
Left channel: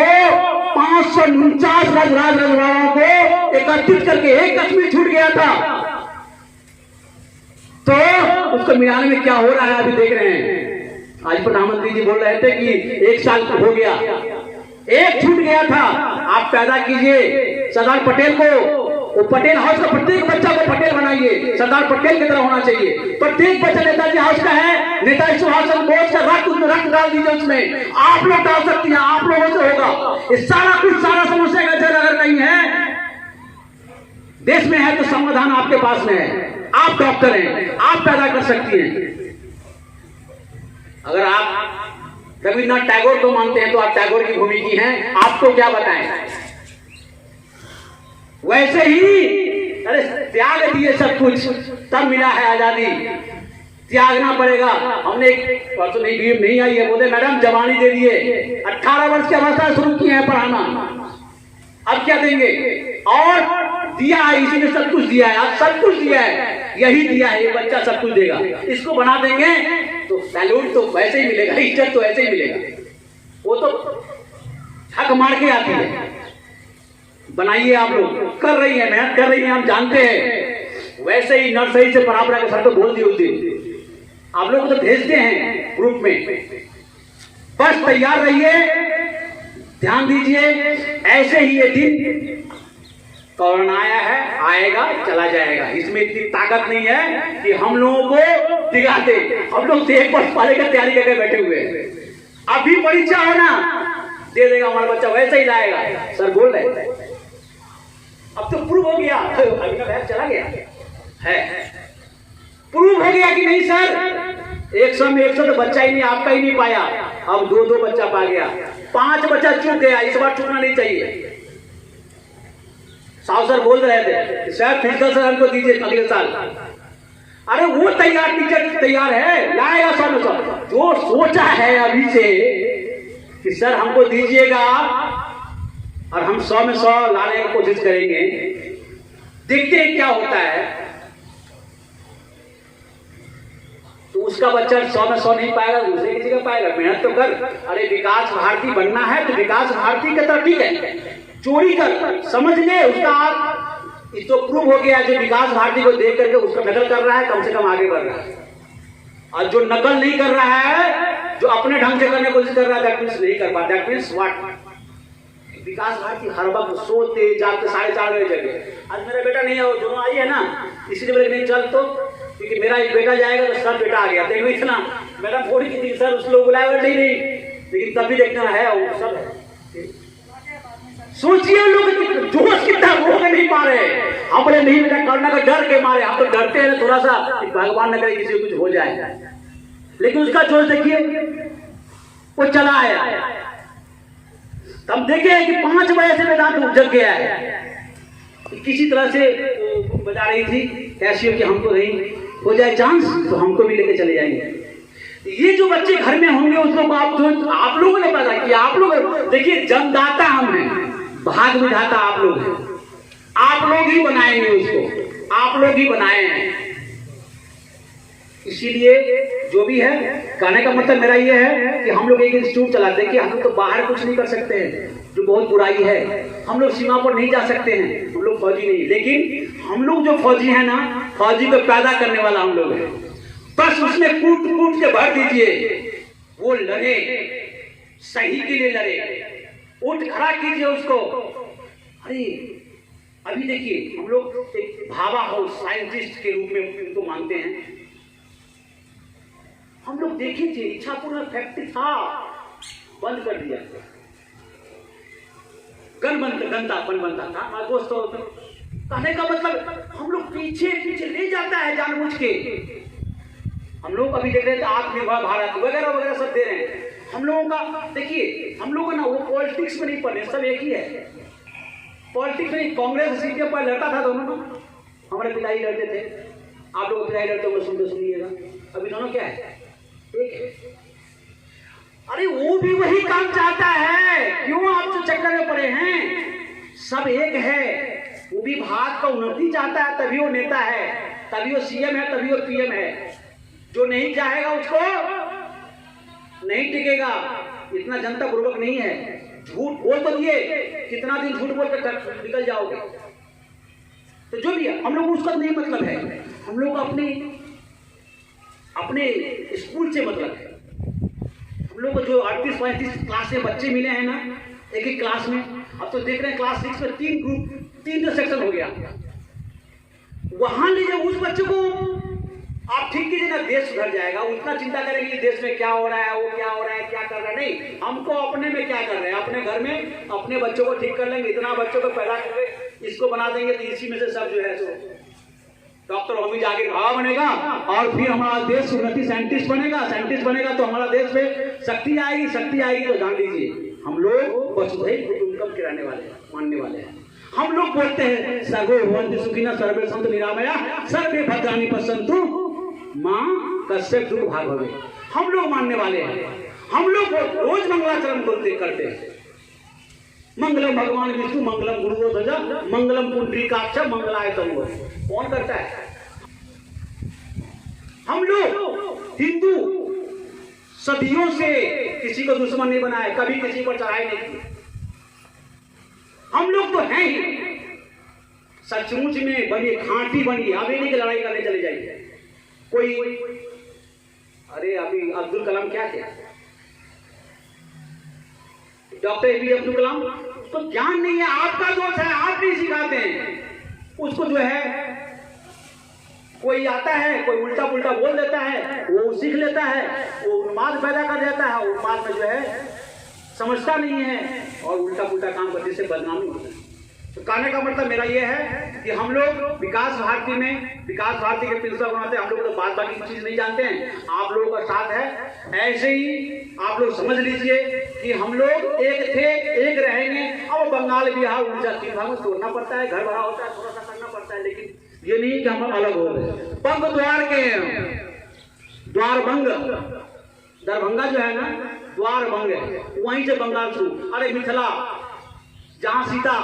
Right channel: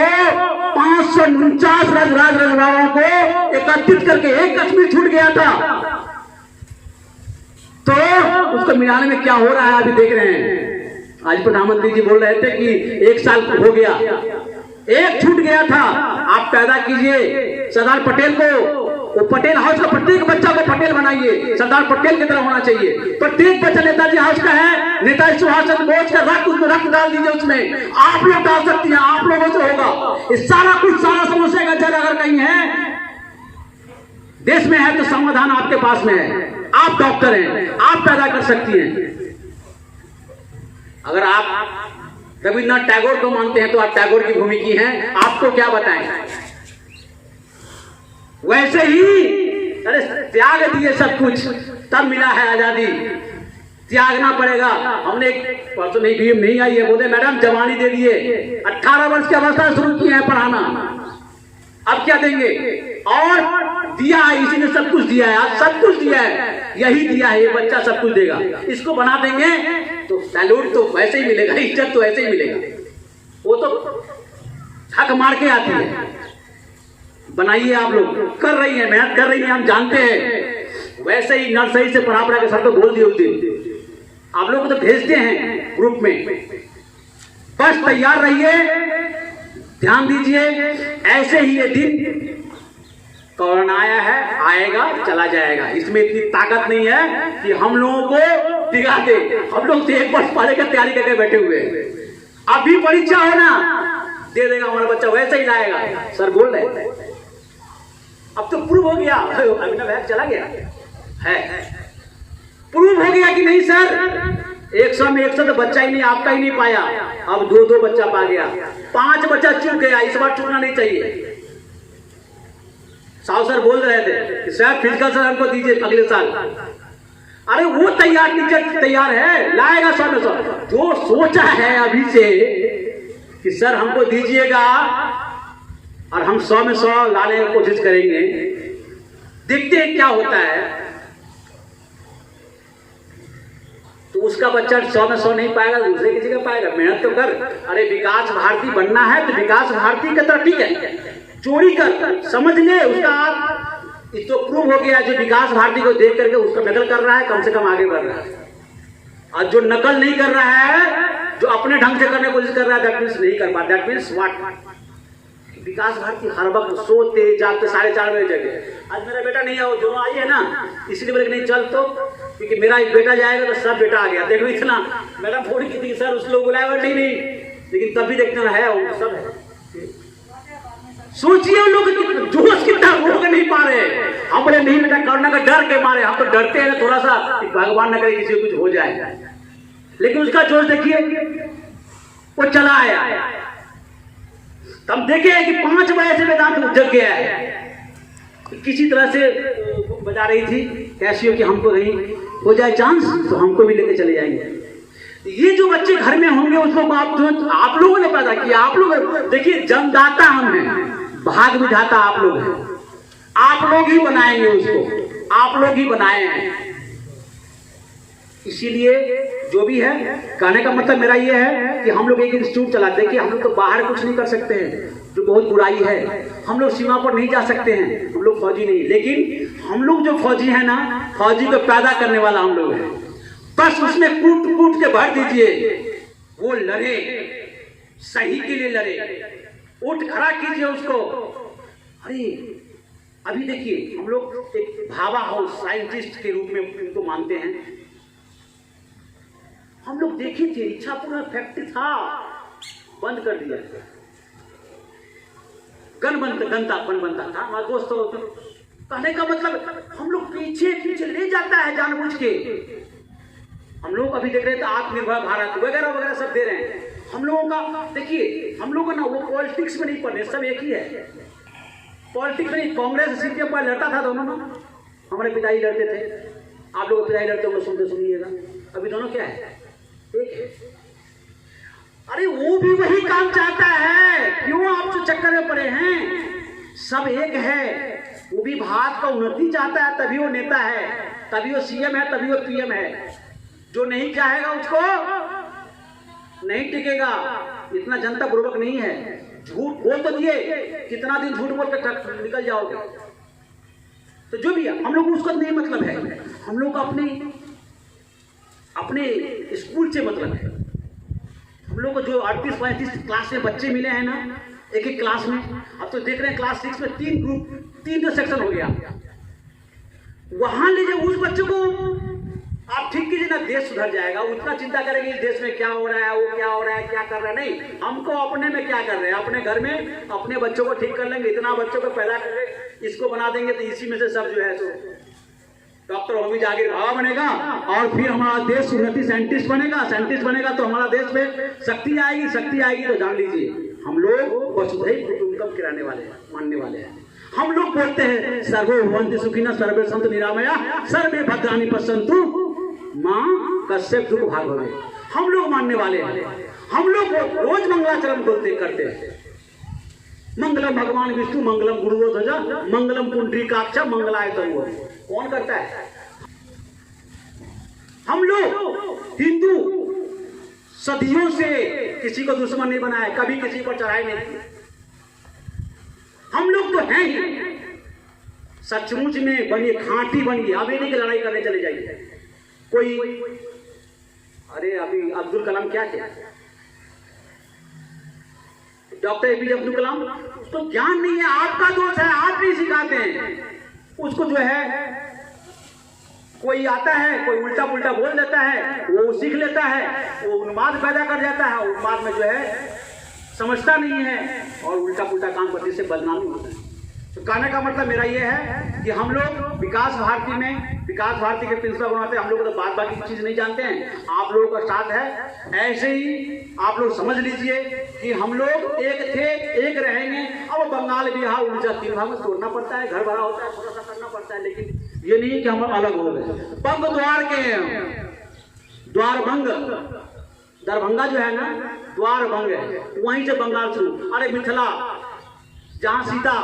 549 राजवाड़ों को एकत्रित करके एक कश्मीर छूट गया था, तो उसको मिलाने में क्या हो रहा है अभी देख रहे हैं। आज प्रधानमंत्री जी बोल रहे थे कि 1 साल हो गया, एक छूट गया था। आप पैदा कीजिए सरदार पटेल को, वो पटेल हाउस का प्रत्येक बच्चा को पटेल बनाइए, सरदार पटेल की तरह होना चाहिए। प्रत्येक बच्चा नेताजी हाउस का है, नेताजी सुभाष चंद्र बोस का रक्त, उसमें रक्त डाल दीजिए उसमें। आप लोग डाल सकती हैं, आप लोगों से होगा। इस सारा कुछ, सारा समस्या का जल अगर नहीं है देश में है तो समाधान आपके पास में है। आप डॉक्टर हैं, आप पैदा कर सकती हैं। अगर आप रविन्द्रनाथ टैगोर को मानते हैं तो आप टैगोर की भूमि की हैं, आपको क्या बताएं। वैसे ही अरे त्याग दिए सब कुछ, तब मिला है आजादी। त्यागना पड़ेगा। हमने एक परसों नहीं आई है, बोले मैडम जवानी दे दिए, 18 वर्ष की अवस्था शुरू की है पढ़ाना, अब क्या देंगे। और दिया है, इसी ने सब कुछ दिया है, आज सब कुछ दिया है, यही दिया है, ये बच्चा सब कुछ देगा। इसको बना देंगे तो सैल्यूट तो वैसे ही मिलेगा, इज्जत तो ऐसे ही मिलेगा, वो तो हक मार के आती है। बनाइए, आप लोग कर रही है, मेहनत कर रही है, हम जानते हैं। वैसे ही नर्सरी से पढ़ा के साथ तो बोल दिए उस दिन, आप लोग तो भेजते हैं ग्रुप में, बस तैयार रहिए, ध्यान दीजिए। ऐसे ही ये दिन कोरोना आया है, आएगा चला जाएगा, इसमें इतनी ताकत नहीं है कि हम लोगों को दिखा दे। हम लोग तो 1 वर्ष पढ़ने की तैयारी करके बैठे हुए हैं। अभी परीक्षा हो ना, दे देगा हमारा बच्चा, वैसे ही लाएगा। सर बोल रहे अब तो प्रूव हो गया, अभिनव है चला गया है, प्रूव हो गया कि नहीं सर। 100 में 100 तो बच्चा ही नहीं, आपका ही नहीं पाया, अब 2-2 बच्चा पा गया, 5 बच्चा चूक गया। इस बार चूकना नहीं चाहिए। साहु सर बोल रहे थे कि सर फिजिकल सर हमको दीजिए अगले साल। अरे वो तैयार, टीचर तैयार है, लाएगा 100 में 100। जो सोचा है अभी से कि सर हमको दीजिएगा और हम 100 में 100 लाने की कोशिश करेंगे, देखते हैं क्या होता है। तो उसका बच्चा 100 में 100 नहीं पाएगा, दूसरे किसी का पाएगा। मेहनत तो कर। अरे विकास भारती बनना है तो विकास भारती का तो ठीक है, चोरी कर, समझ ले उसका इसको प्रूव हो गया। जो विकास भारती को देख करके उसको नकल कर रहा है, कम से कम आगे बढ़ रहा है। और जो नकल नहीं कर रहा है, जो अपने ढंग से करने की कोशिश कर रहा है, दैट मीन्स नहीं कर पाता। दैट मीन्स व्हाट, विकास भारती हर वक्त सोते जागते 4:30 बजे जगे। आज मेरा बेटा नहीं है, वो दोनों आई है ना, इसलिए बोले नहीं चल, तो क्योंकि मेरा एक बेटा जाएगा तो सब बेटा आ गया। देखो इतना मैडम थोड़ी की थी सर, उस लोग बुलाया नहीं, लेकिन तब भी देखना है वो सब है। सोचिए उन लोग जोश कितना रोक नहीं पा रहे। हमने नहीं बेटा करना का डर के मारे, हम तो डरते हैं थोड़ा सा, भगवान न करे किसी को कुछ हो जाए, लेकिन उसका जोश देखिए, वो चला आया। हम देखे कि 5 बजे से वेदांत जग गया है। किसी तरह से बता रही थी कैसी हो कि हमको नहीं हो जाए चांस तो हमको भी लेके चले जाएंगे। ये जो बच्चे घर में होंगे उसको आप लोगों ने पैदा किया। आप लोग देखिए, जन्मदाता हम हैं, भाग विधाता आप लोग हैं, आप लोग ही बनाएंगे उसको, आप लोग ही बनाए हैं। इसीलिए जो भी है, कहने का मतलब मेरा ये है कि हम लोग एक इंस्टीट्यूट चलाते हैं कि हम लोग तो बाहर कुछ नहीं कर सकते हैं, जो बहुत बुराई है। हम लोग सीमा पर नहीं जा सकते हैं, हम लोग फौजी नहीं, लेकिन हम लोग जो फौजी है ना, फौजी को पैदा करने वाला हम लोग है। बस उसमें कूट कूट के भर दीजिए, वो लड़े, सही के लिए लड़े, उठ खड़ा कीजिए उसको। अरे अभी देखिए, हम लोग एक भाभा हाउस साइंटिस्ट के रूप में उनको मानते हैं। हम लोग देखे थे, इच्छापुर फैक्ट्री था, बंद कर दिया, गन बनता था। हमारे दोस्तों, कहने का मतलब हम लोग पीछे पीछे ले जाता है जानबूझ के। हम लोग अभी देख रहे थे आत्मनिर्भर भारत वगैरह वगैरह सब दे रहे हैं। हम लोगों का देखिए, हम लोग ना वो पॉलिटिक्स में नहीं पढ़े, सब एक ही है। पॉलिटिक्स में कांग्रेस सीट पर लड़ता था दोनों, हमारे पिताजी लड़ते थे, आप लोग पिताजी लड़ते हो, सुनते सुनिएगा। अभी दोनों क्या है, एक है। अरे वो भी वही काम चाहता है, क्यों आप जो चक्कर में पड़े हैं? सब एक है। वो भी भारत का उन्नति चाहता है, तभी वो नेता है, तभी वो सीएम है, तभी वो पीएम है। जो नहीं चाहेगा उसको नहीं टिकेगा। इतना जनता पूर्वक नहीं है। झूठ बोल तो दिए, कितना दिन झूठ बोल के निकल जाओगे। तो जो भी है, हम लोग उसका नहीं मतलब है, हम लोग अपने स्कूल से मतलब है। हम लोग को जो 38-35 क्लास में बच्चे मिले हैं ना, एक एक क्लास में, अब तो देख रहे हैं क्लास 6 में 3 ग्रुप, 3 सेक्शन हो गया। वहां लीजिए उस बच्चे को आप ठीक कीजिए ना, देश सुधर जाएगा। उतना चिंता करेंगे देश में क्या हो रहा है, वो क्या हो रहा है, क्या कर रहा है, नहीं, हमको अपने में क्या कर रहे हैं, अपने घर में अपने बच्चों को ठीक कर लेंगे। इतना बच्चों को पैदा करके इसको बना देंगे तो इसी में से सब जो है सो डॉक्टर होगी, जागीर भाव बनेगा, और फिर हमारा देश उन्नति साइंटिस्ट बनेगा तो हमारा देश में शक्ति आएगी। तो जान लीजिए, हम लोग वसुधैव कुटुंबकम के रहने वाले हैं, मानने वाले हैं। हम लोग बोलते हैं सर्वे भवन्तु सुखिनः, सर्वे सन्तु निरामया, सर्वे भद्राणि पश्यन्तु मां कश्चित् दुःख भाग् भवेत्। हम लोग मानने वाले हैं। हम लोग रोज मंगलाचरण करते हैं। मंगलम भगवान विष्णु, मंगलम गुरुध्वज, मंगलम पुंडरीकाक्ष, मंगलाय तंगो। कौन करता है? हम लोग हिंदू सदियों से किसी को दुश्मन नहीं बनाया, कभी किसी को चढ़ाई नहीं की। हम लोग तो हैं ही, सचमुच में बनिए, खांटी बनिए। अभी नहीं कि लड़ाई करने चले जाइए कोई। अरे अभी अब्दुल कलाम क्या किया, डॉक्टर एपीजे अब्दुल कलाम, तो ज्ञान नहीं है, आपका दोष है, आप नहीं सिखाते हैं उसको। जो है कोई आता है, कोई उल्टा पुल्टा बोल देता है, वो सीख लेता है, वो उन्माद पैदा कर देता है, उन्माद में जो है समझता नहीं है और उल्टा पुल्टा काम करने से बदनामी होता है। तो कहने का मतलब मेरा ये है कि हम लोग विकास भारती के प्रिंसिपल बनाते हैं। हम लोग तो बात बाकी चीज नहीं जानते हैं, आप लोगों का साथ है। ऐसे ही आप लोग समझ लीजिए कि हम लोग एक थे, एक रहेंगे। अब बंगाल बिहार उड़ीसा 3 भाग में तोड़ना पड़ता है, घर बड़ा होता है, थोड़ा सा करना पड़ता है, लेकिन ये नहीं कि हम अलग हो गए। बंग द्वार के द्वार भंग, दरभंगा जो है ना, द्वार भंग है, वहीं से बंगाल शुरू। अरे मिथिला जहां सीता,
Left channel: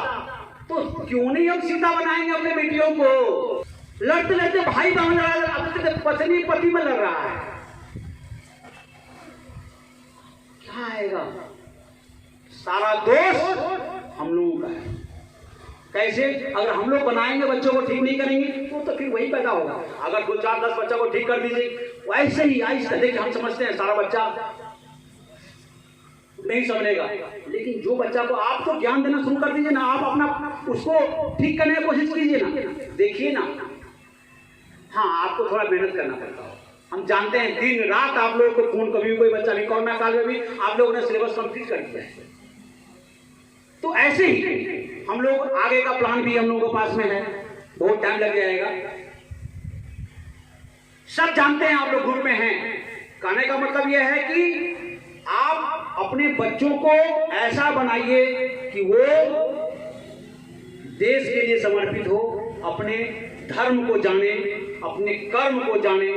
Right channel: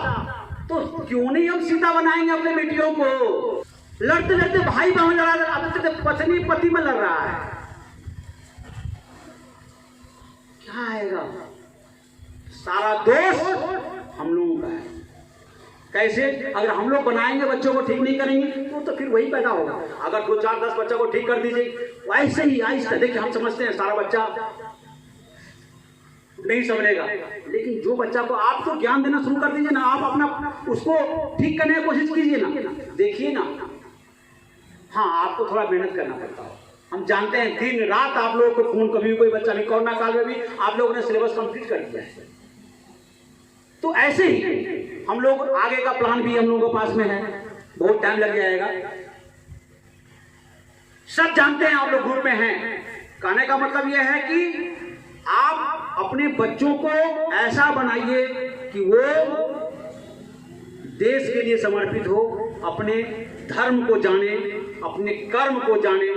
तो क्यों नहीं हम सीता बनाएंगे अपने बेटियों को? लड़ते लड़ते भाई बहन लड़ा, अब तो पत्नी पति में लड़ रहा है, क्या आएगा? सारा दोष हम लोगों का है। कैसे? अगर हम लोग बनाएंगे, बच्चों को ठीक नहीं करेंगे तो फिर वही पैदा होगा। अगर 2, 4, 10 बच्चों को ठीक कर दीजिए, वैसे ही आहिस्ता, देखिए हम समझते हैं सारा बच्चा नहीं समझेगा, लेकिन जो बच्चा को आप तो ज्ञान देना शुरू कर दीजिए ना, आप अपना उसको ठीक करने की कोशिश कीजिए ना, देखिए ना। हाँ, आपको थोड़ा मेहनत करना पड़ता है, हम जानते हैं। दिन रात आप लोगों को फोन, कभी कोई बच्चा नहीं, कोरोना काल में भी आप लोगों ने सिलेबस कंप्लीट कर दिया है। तो ऐसे ही हम लोग आगे का प्लान भी हम लोगों के पास में है, बहुत टाइम लग जाएगा। सब जानते हैं, आप लोग ग्रुप में हैं। कहने का मतलब यह है कि आप अपने बच्चों को ऐसा बनाइए कि वो देश के लिए समर्पित हो, अपने धर्म को जाने, अपने कर्म को जाने।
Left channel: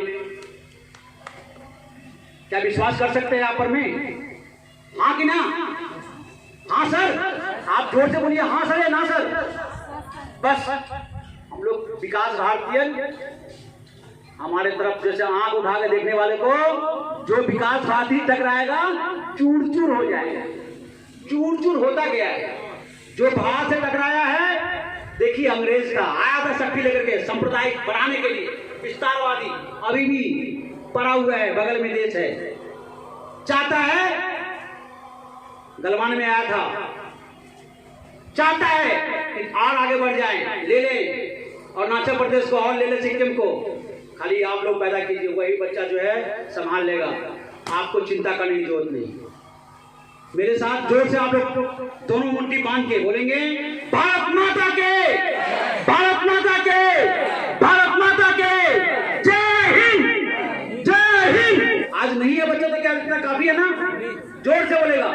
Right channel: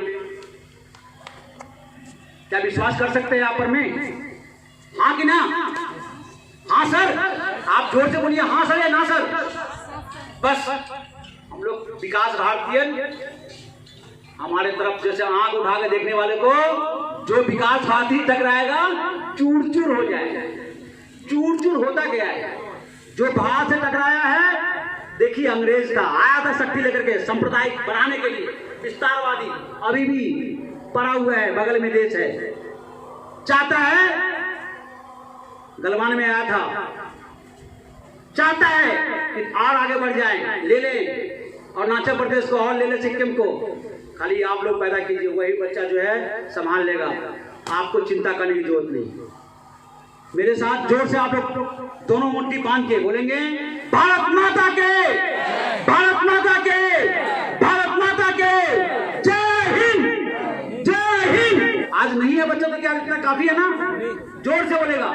क्या विश्वास कर सकते हैं आप पर में? हाँ कि ना? हाँ सर, आप जोर से बोलिए, हाँ सर या ना सर। बस हम लोग विकास भारतीय हमारे तरफ जैसे आंख उठा के देखने वाले को जो विकासवादी टकराएगा चूर चूर हो जाएगा। चूर चूर होता गया है। जो बाहर से टकराया है, देखिए अंग्रेज का आया था शक्ति लेकर के सांप्रदायिक बढ़ाने के लिए, विस्तारवादी अभी भी पड़ा हुआ है, बगल में देश है, चाहता है, गलवान में आया था, चाहता है कि और आगे बढ़ जाए, ले ले अरुणाचल प्रदेश को और ले ले सिक्किम को, खाली आप लोग पैदा कीजिए, वही बच्चा जो है संभाल लेगा, आपको चिंता करने की जरूरत नहीं। मेरे साथ जोर से आप लोग दोनों मुट्ठी बांध के बोलेंगे, भारत माता के, भारत माता के, भारत माता के, जय हिंद, जय हिंद। आज नहीं है बच्चा तो क्या इतना काफी है ना? जोर से बोलेगा,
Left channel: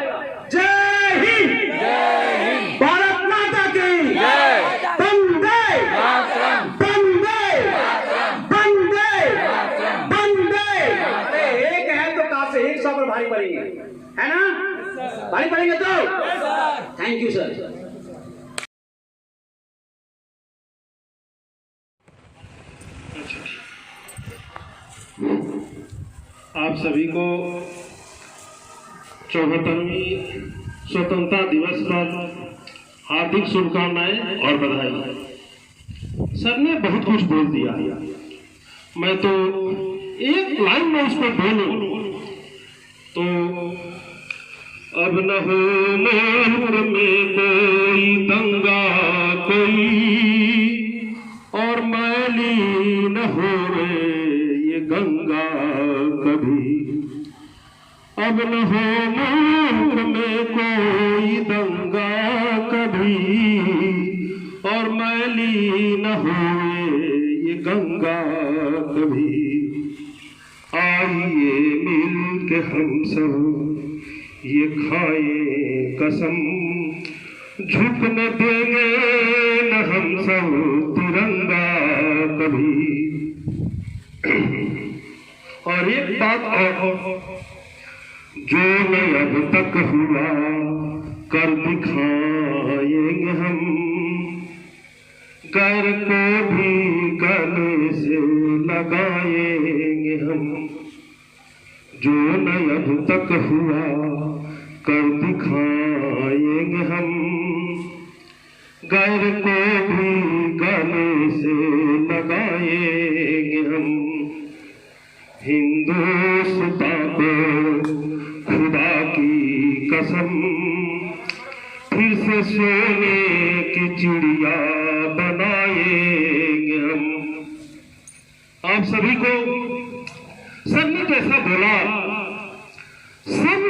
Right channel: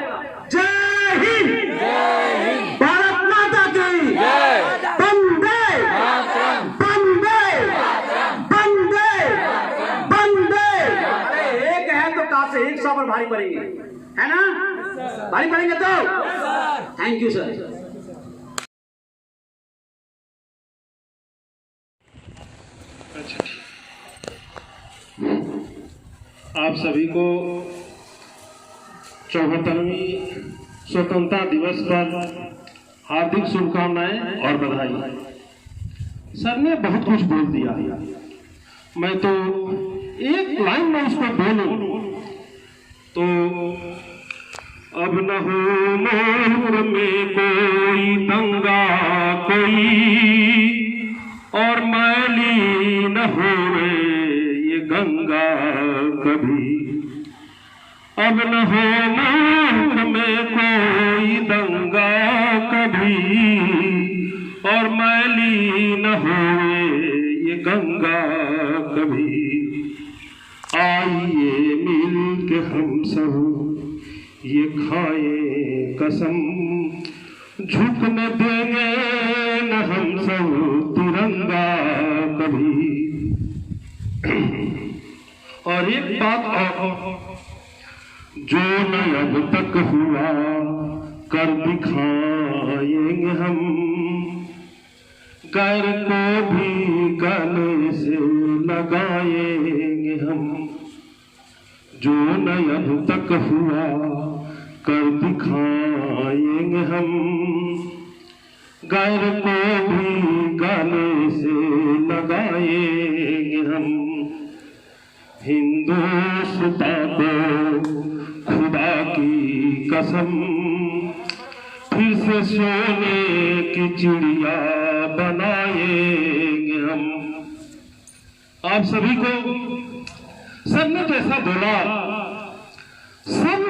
जय हिंद, जय हिंद, भारत माता की जय, वंदे मातरम, वंदे वंदे मातरम, वंदे। एक है तो काफी 100 पर भारी पड़ेंगे, है ना? भारी पड़ेंगे तो थैंक यू सर। आप सभी को 74वीं स्वतंत्रता दिवस पर हार्दिक शुभकामनाएं और बधाई। सर ने बहुत कुछ बोल दिया, मैं तो एक लाइन में उसको बोलूं तो, अब न हो मुल्क में कोई दंगा कोई, और मैली न हो ये गंगा कभी। अब न हो मुल्क में कोई दंगा कभी, और मैली न हो ये गंगा कभी। आइए मिल के हम सब ये खाए कसम, झुकने देंगे न हम सब तिरंगा कभी। और एक बात और, जो न अब तक हुआ कर दिखाएंगे हम, गैर को भी गले से लगाएंगे हम। जो न अब तक हुआ कर दिखाएंगे हम, गैर को भी गले से लगाएंगे हम। हिंदुस्तान को खुदा की कसम, फिर से सोने की चिड़िया बनाएंगे हम। आप सभी को सर ने जैसा बोला, सब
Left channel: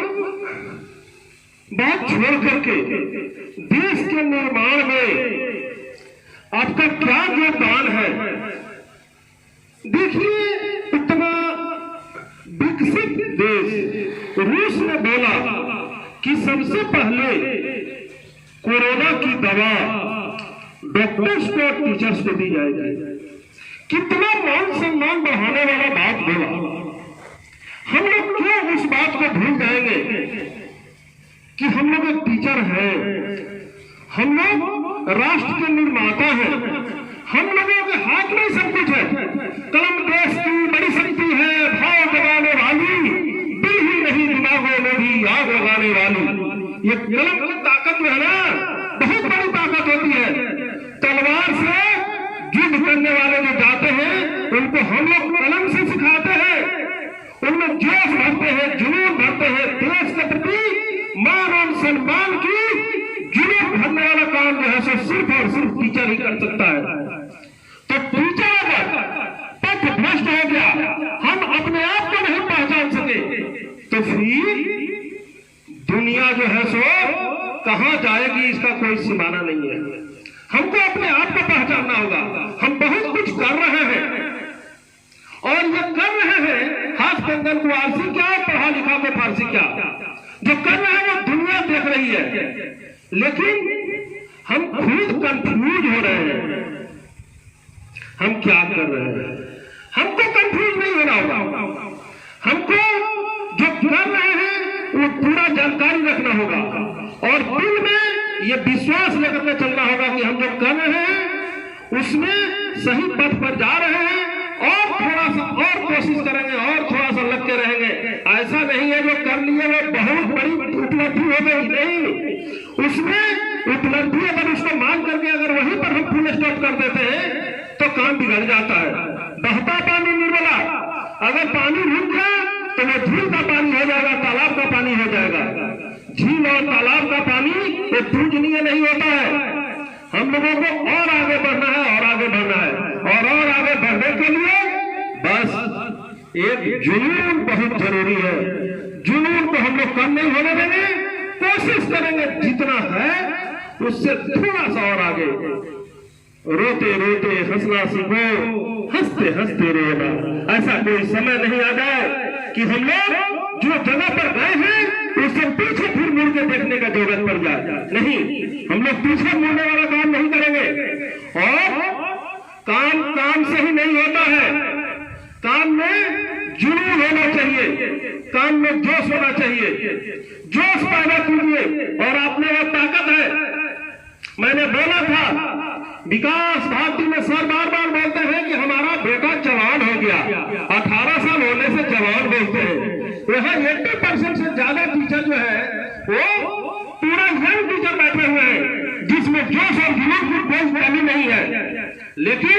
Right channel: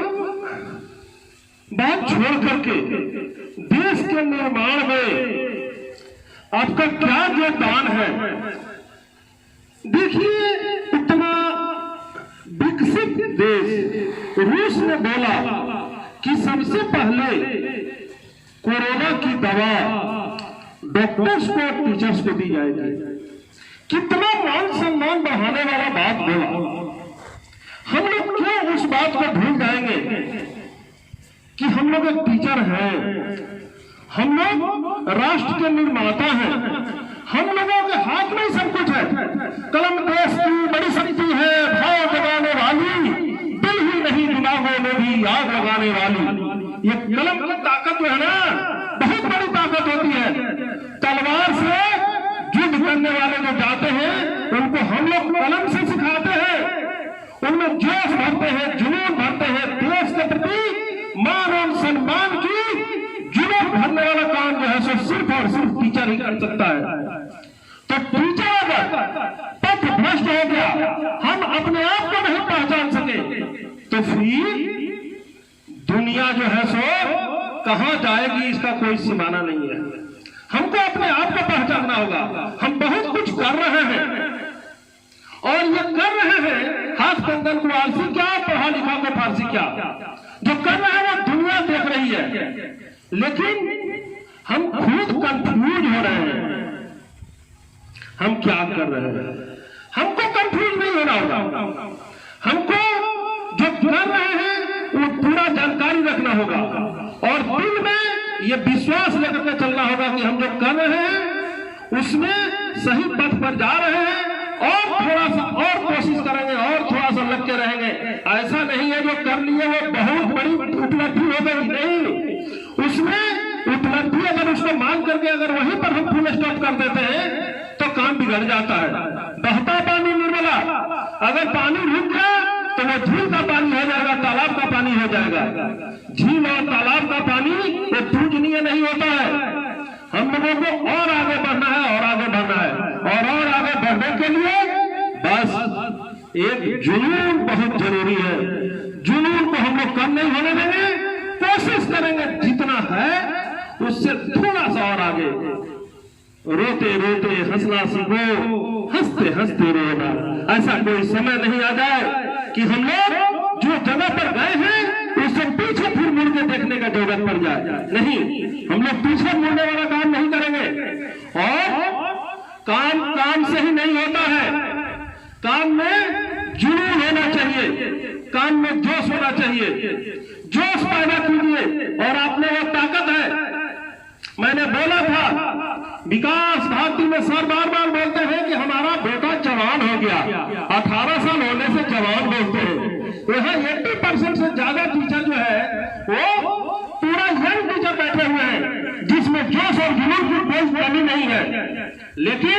बात छोड़ करके देश के निर्माण में आपका क्या योगदान है। देखिए, इतना विकसित देश रूस ने बोला कि सबसे पहले कोरोना की दवा डॉक्टर्स को और टीचर्स को दी जाएगी। कितना मान सम्मान बढ़ाने वाला बात बोला। हम लोग क्यों उस बात को भूल जाएंगे कि हम लोग एक टीचर हैं, हम लोग राष्ट्र के निर्माता हैं, हम लोगों के हाथ में सब कुछ है। कलम देश की बड़ी शक्ति है, भाव जगाने वाली, दिल ही नहीं दिमागों में भी आग लगाने वाली। ये कलम ताकत जो है ना, बहुत बड़ी ताकत होती है। तलवार से युद्ध करने वाले जो जाते हैं, उनको हम लोग कलम से सिखाते हैं, उनमें जोश भरते हैं, जुनून भरते हैं। देश के प्रति मान और सम्मान की जुनून भरने वाला काम जो है सो सिर्फ और सिर्फ टीचर ही कर सकता है। तो टीचर अगर पथ भ्रष्ट हो गया, हम अपने आप को नहीं पहचान सके, तो फिर दुनिया जो है सो कहां जाएगी, इसका कोई सीमाना नहीं है। हमको अपने आप को पहचानना होगा। हम बहुत कुछ कर रहे हैं, और ये कर रहे हैं हाथ कंगन को आलसी क्या, पढ़ा लिखा को फारसी क्या। जो कर रहे हैं वो दुनिया देख रही है, लेकिन हम खुद कंफ्यूज हो रहे हैं हम क्या कर रहे हैं। हमको कंफ्यूज नहीं होना होगा, हमको जो कर रहे हैं वो पूरा जानकारी रखना होगा, और दिल में ये विश्वास लेकर के चलना होगा कि हम जो कर रहे हैं उसमें सही पथ पर जा रहे हैं, और थोड़ा सा और कोशिश करेंगे और थोड़ा सा लग के रहेंगे। ऐसा नहीं है जो कर लिए वो बहुत बड़ी उपलब्धि हो गई, नहीं, उसमें उपलब्धि अगर उसको मान करके अगर वहीं पर हम फुल स्टॉप कर देते हैं तो काम बिगड़ जाता है। बहता पानी निर्मला, अगर पानी रुक गया तो वो झील का पानी हो जाएगा, तालाब का पानी हो जाएगा। झील और तालाब का पानी वो पूजनीय नहीं होता है। हम लोगों को और आगे बढ़ना है और आगे बढ़ना है, और आगे बढ़ने के लिए बस एक जुनून बहुत जरूरी है। जुनून को हम लोग कम नहीं होने देंगे, कोशिश करेंगे जितना है उससे थोड़ा सा और आगे। रोते रोते हंसना सीखो, हंसते हंसते रोना। ऐसा कोई समय नहीं आ जाए कि हम लोग जो जगह पर गए हैं उससे पीछे फिर मुड़ के देखने का जरूरत पड़ जाए। नहीं, हम लोग पीछे मुड़ने वाला काम नहीं करेंगे। और काम काम से ही नहीं होता है, काम में जुनून होना चाहिए, काम में जोश होना चाहिए। जोश पैदा कीजिए और आप में वो ताकत है। मैंने बोला था विकास भारती में सर बार बार बोलते हैं कि हमारा बेटा जवान हो गया, 18 साल होने से जवान बोलते हैं। यहाँ 80% से ज्यादा टीचर जो है वो पूरा यंग टीचर बैठे हुए हैं, जिसमें जोश और जुनून की कोई कमी नहीं है। लेकिन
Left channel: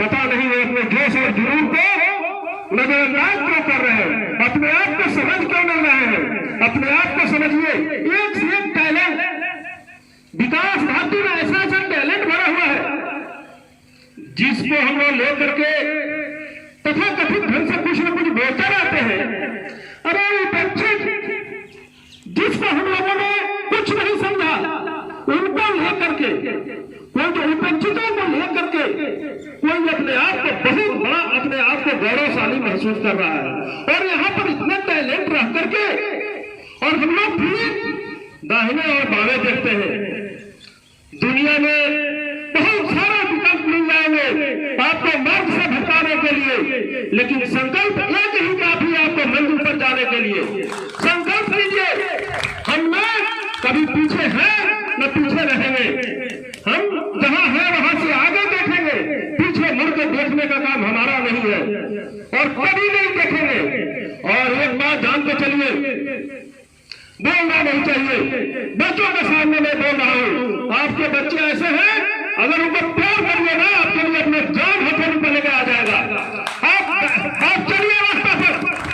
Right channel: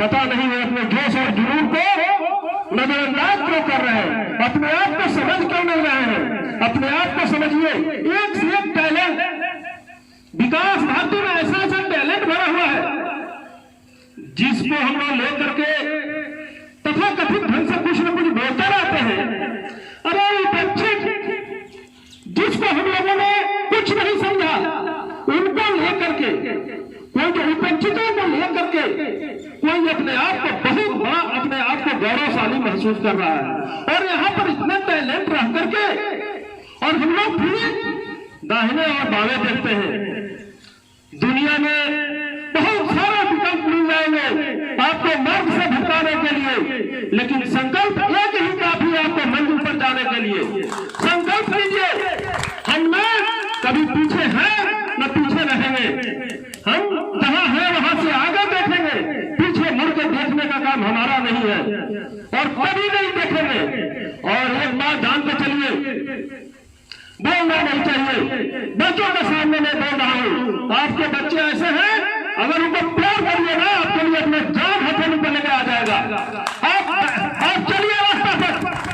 पता नहीं है अपने जोश और जुनून को नजरअंदाज क्यों कर रहे हैं, अपने आप को समझ क्यों नहीं रहे हैं। अपने आप को समझिए, एक से एक टैलेंट विकास भारती में ऐसा ऐसा टैलेंट भरा हुआ है जिसको हम लोग लेकर के तथा कथित ढंग से कुछ न कुछ बोलते रहते हैं। अरे उपेक्षित जिसको हम लोगों ने कुछ नहीं समझा उनको लेकर के, कोई जो उपेक्षितों को लेकर के कोई अपने आप को बहुत बड़ा, अपने आप को गौरवशाली महसूस कर रहा है। और यहाँ पर इतना टैलेंट रह करके और हम लोग भी दाहिने और बाएं देखते हैं। दुनिया में बहुत सारे विकल्प मिल जाएंगे आपको मार्ग से भटकाने के लिए, लेकिन संकल्प एक ही काफी है आपको मंजिल पर जाने के लिए। संकल्प लीजिए, हम ना कभी पीछे हैं न पीछे रहेंगे। हम जहां है वहां से आगे देखेंगे, पीछे मुड़ के देखने का काम हमारा नहीं है और कभी नहीं देखेंगे। और एक बात जान के चलिए, बोलना नहीं चाहिए। बच्चों के सामने मैं बोल रहा हूँ, आपके बच्चे ऐसे हैं अगर उनको प्यार करिए ना आपके लिए अपने जान हथेली पर लेकर आ जाएगा। आप चलिए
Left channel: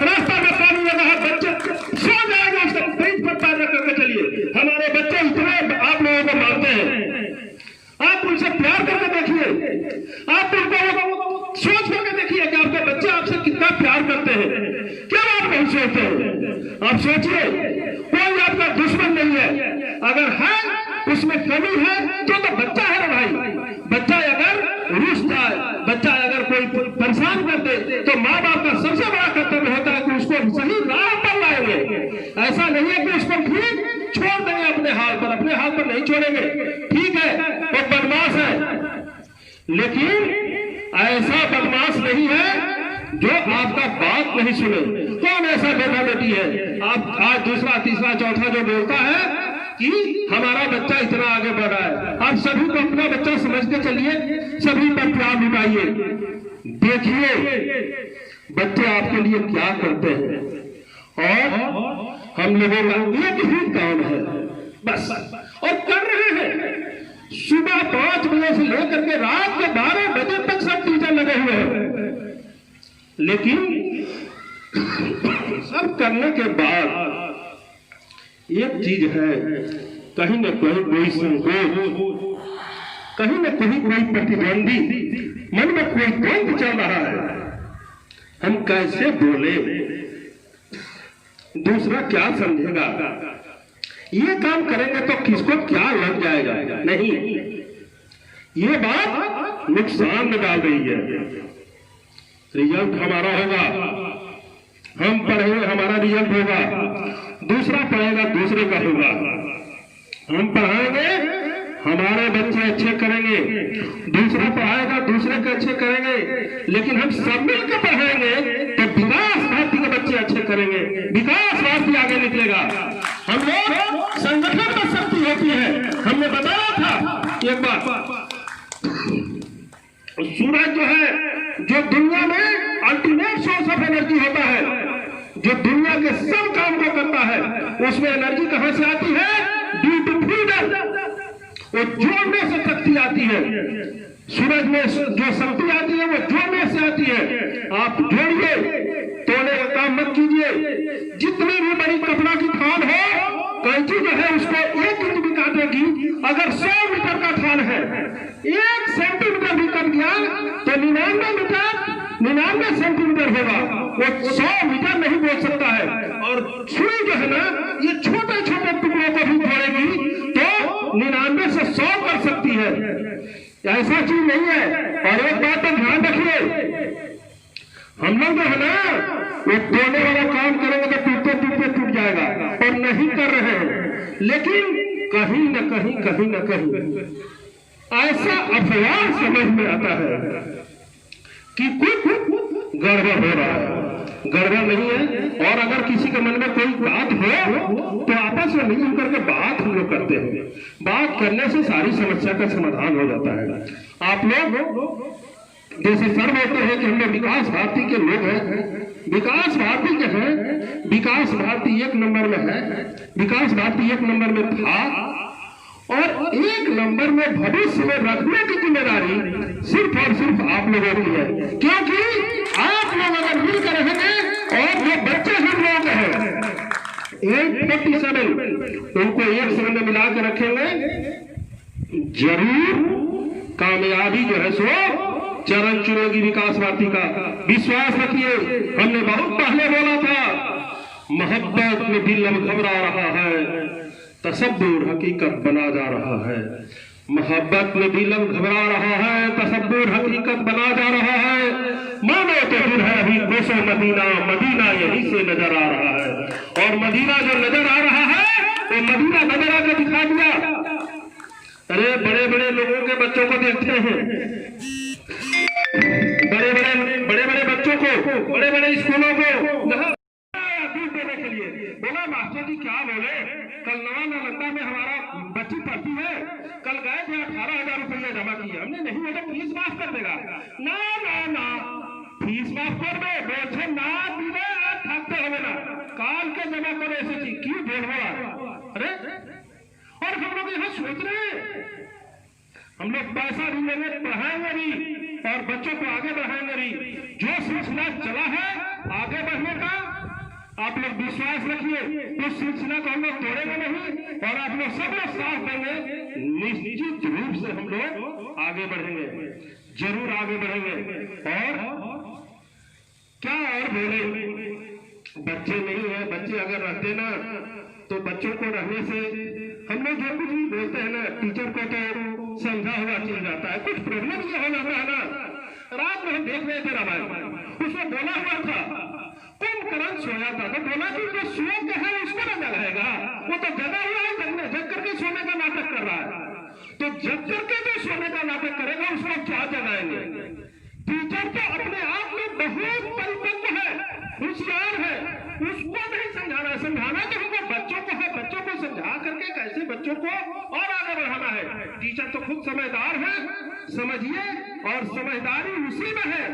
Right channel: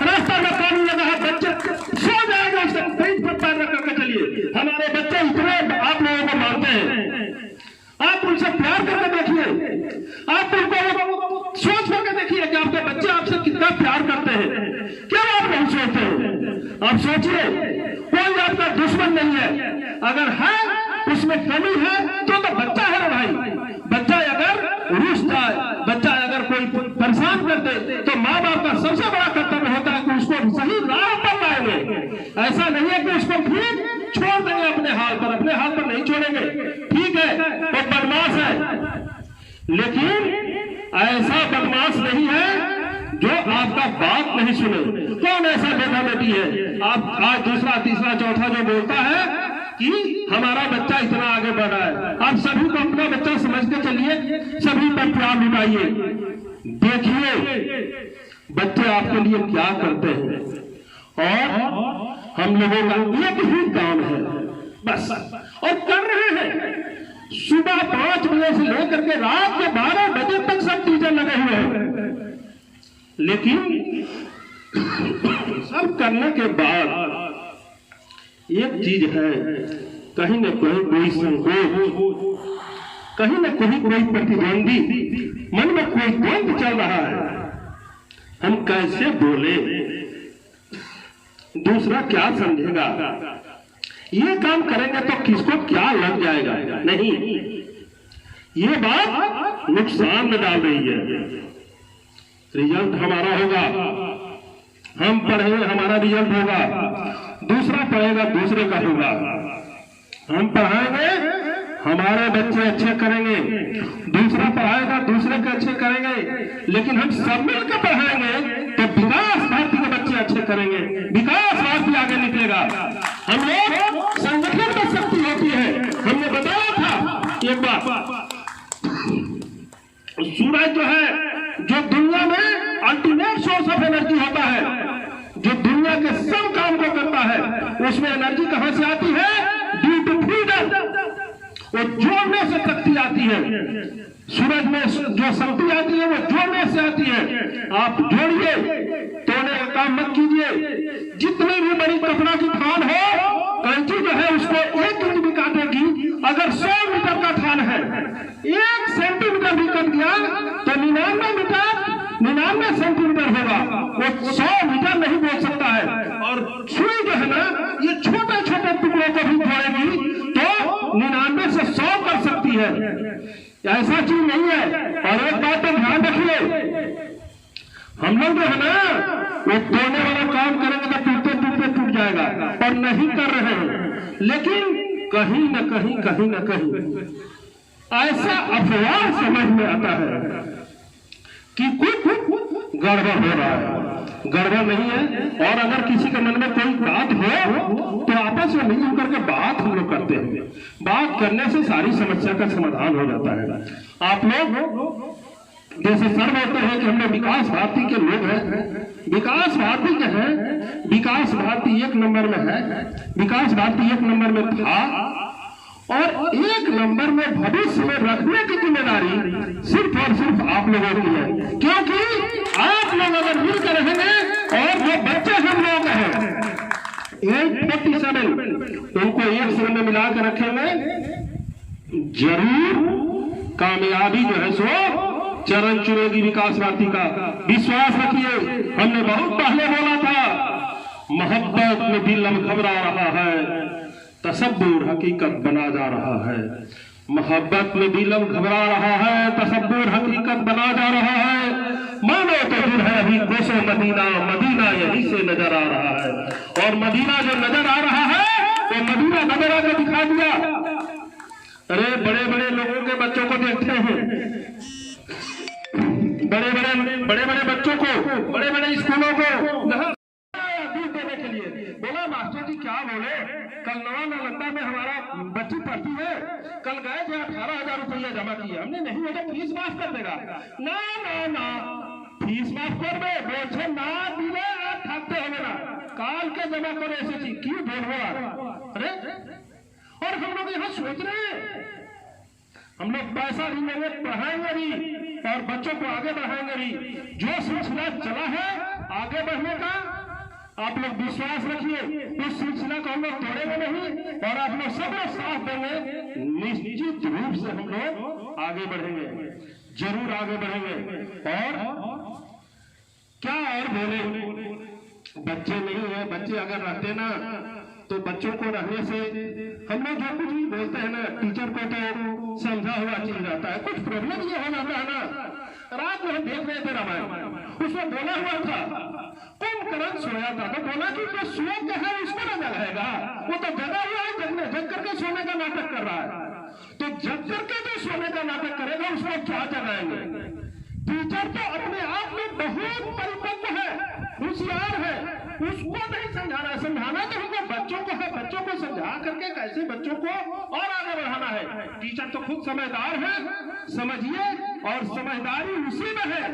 रास्ता में पानी लगा है, बच्चे सो जाएगा, उससे पेट पर पैदा करके चलिए। हमारे बच्चे इतने आप लोगों को मानते हैं, आप उनसे प्यार करके देखिए, आप उनको सोच करके देखिए कि आपके बच्चे आपसे कितना प्यार करते हैं। क्या आप नहीं सोचते हैं? आप सोचिए, कोई आपका दुश्मन नहीं है। अगर है उसमें कमी है तो बच्चा है ना भाई। बच्चा अगर रुष्ट है, बच्चा अगर कोई परेशान कर दे तो माँ बाप का सबसे बड़ा कर्तव्य होता है कि उसको सही राह पर लाएंगे। ऐसा नहीं है कि उसको ठीक छोड़ देंगे अपने हाल पर, अपने हाल पर नहीं छोड़ेंगे। ठीक है वो बदमाश है, लेकिन ऐसा बदमाश नहीं है जो आपका बात नहीं सुने। कौन ऐसा बेटा बेटी है आप आज दूसरा तीसरा चौथा जो बोलता है कि हमारा बच्चा इतना आगे बढ़ा है? आप सभी को अपना बच्चा समझ के चलिए, सभी पर प्यार लुटाइए, देखिए बच्चे आपके लिए क्या करते हैं। और हम लोगों का एक ही काम है बस, और कर रहे हैं। सुबह 5 बजे से लेकर के रात के 12 बजे तक सब टीचर लगे हुए हैं, लेकिन सब करने के बाद एक चीज है, कहीं न कहीं कोई संकोच, कहीं न कहीं कोई प्रतिद्वंदी, मन में कोई द्वंद चल रहा है। हम कैसे बोले, दूसरा क्या समझेगा, ये काम करेंगे तो किसको क्या लग जाएगा। नहीं, ये बात नुकसान में डाल रही है। रिजल्ट हमारा होगा, हम पढ़ेंगे हमारा रिजल्ट होगा, दूसरा पढ़ेगा दूसरे का होगा। हम पढ़ाएंगे हमारे बच्चे अच्छे करेंगे, दूसरा पढ़ाएगा दूसरे के अच्छे करेंगे, लेकिन हम सब मिलकर पढ़ाएंगे तो विकास भारती के बच्चे अच्छे करेंगे, विकास भारती आगे निकलेगा। हम लोग संगठन की शक्ति होती है। हमने बताया था एक बार, सूरज जो है जो दुनिया उसमें एनर्जी कहां से आती है? Due to freedom. वो जोड़ने से शक्ति आती है। सूरज में जो शक्ति आती है वो जोड़ने से आती है। आप जोड़िए, तोड़ने का काम मत कीजिए। जितनी भी बड़ी कपड़ा की थान हो, कैंची जो है उसको 1 इंच भी काटेगी। अगर 100 मीटर का थान है, 1 सेंटीमीटर भी कट गया तो 99 सेंटीमीटर होगा। वो 100 मीटर नहीं बोल सकता है। और सुई जो है ना, ये छोटे छोटे टुकड़ों को भी तोड़ेगी तो 99 से 100 कर सकती है। ऐसा चीज नहीं है। और एक बात तो ध्यान रखिए, हम लोग जो है ना वो तोड़ने वाला काम करेंगे तो टूटते टूटते टूट जाएगा, और नहीं कर रहे हैं। लेकिन कहीं न कहीं ऐसा अफवाह समझ में आता है कि कुछ गड़बड़ हो रहा है। गड़बड़ नहीं है। और अगर किसी के मन में कोई बात हो तो आपस में मिल करके बात हम लोग करते हैं। बात करने से सारी समस्या का समाधान हो जाता है। आप लोग जैसे सर बोलते हैं कि हम लोग विकास भारती के लोग हैं, विकास भारती के हैं, विकास भारती 1 नंबर में है, विकास भारती 1 नंबर में था, और 1 नंबर में भविष्य में रखने की जिम्मेदारी सिर्फ और सिर्फ आप लोगों की है। क्योंकि आप लोग अगर मिलकर रहेंगे, और जो बच्चे हम लोग हैं 847 उनको एक संग में मिला के रखेंगे, जरूर कामयाबी जो है सो चरण चुनेगी विकास भारती का। विश्वास रखिए। हमने बहुत पहले बोला था, मोहब्बत में दिल अब घबरा रहा है, तसब्बुर हकीकत बना जा रहा है। मोहब्बत में दिल अब घबरा रहा है, तसब्बुर हकीकत बना जा रहा है। मानो तो फिर है अभी कोसो मदीना, मदीना यहीं से नजर आ रहा है। और मदीना जो नजर आ रहा है तो मदीना नजर आकर दिखा दिया। अरे बड़े बड़े लोगों के बच्चों को देखते हैं, बड़े बड़े बच्चों को, बड़े बड़े स्कूलों को दूध देने के लिए बोला, मास्टर जी क्या बोले, कल नवा नालंदा में हमारा बच्ची पढ़ती है, कल गए थे 18,000 रुपया जमा किए हमने। नहीं बेटा फीस माफ कर देगा। ना फीस माफ कर दे, बोझे ना दिले आप थकते हो ना, काल के जमा करो ऐसे चीज क्यों बोल। अरे और हम लोग यहाँ सोच रहे हैं, हम लोग पैसा भी लेंगे, पढ़ाएंगे भी, और बच्चों को आगे बढ़ाएंगे भी। जो सिलसिला चला है आगे बढ़ने का, आप लोग विश्वास रखिए, उस सिलसिला को हम लोग तोड़ेंगे नहीं, और आप लोग सब लोग साथ देंगे, निश्चित रूप से हम लोग आगे बढ़ेंगे, जरूर आगे बढ़ेंगे। और क्या और बोले, बच्चे नहीं है, बच्चे अगर रहते ना तो बच्चों को रहने से हम लोग जो कुछ भी बोलते हैं ना, टीचर को तो समझा हुआ चल जाता है। कुछ प्रॉब्लम ये हो जाता है ना, रात में हम देख रहे थे रामायण, उसमें बोला हुआ था कुंभकर्ण सोया था, तो बोला कि जो सो के है उसको ना जगाएगा, वो तो जगा हुआ है, जग करके सोने का नाटक कर रहा है। तो जग करके जो सोने का नाटक करेगा उसको क्या जगाएंगे। टीचर तो अपने आप में बहुत परिपक्व है, होशियार है, उसको नहीं समझाना है। समझाना तो हमको बच्चों को है, बच्चों को समझा करके कैसे बच्चों को और आगे बढ़ाना है। टीचर तो खुद समझदार है, समझिए, और समझदारी उसी में है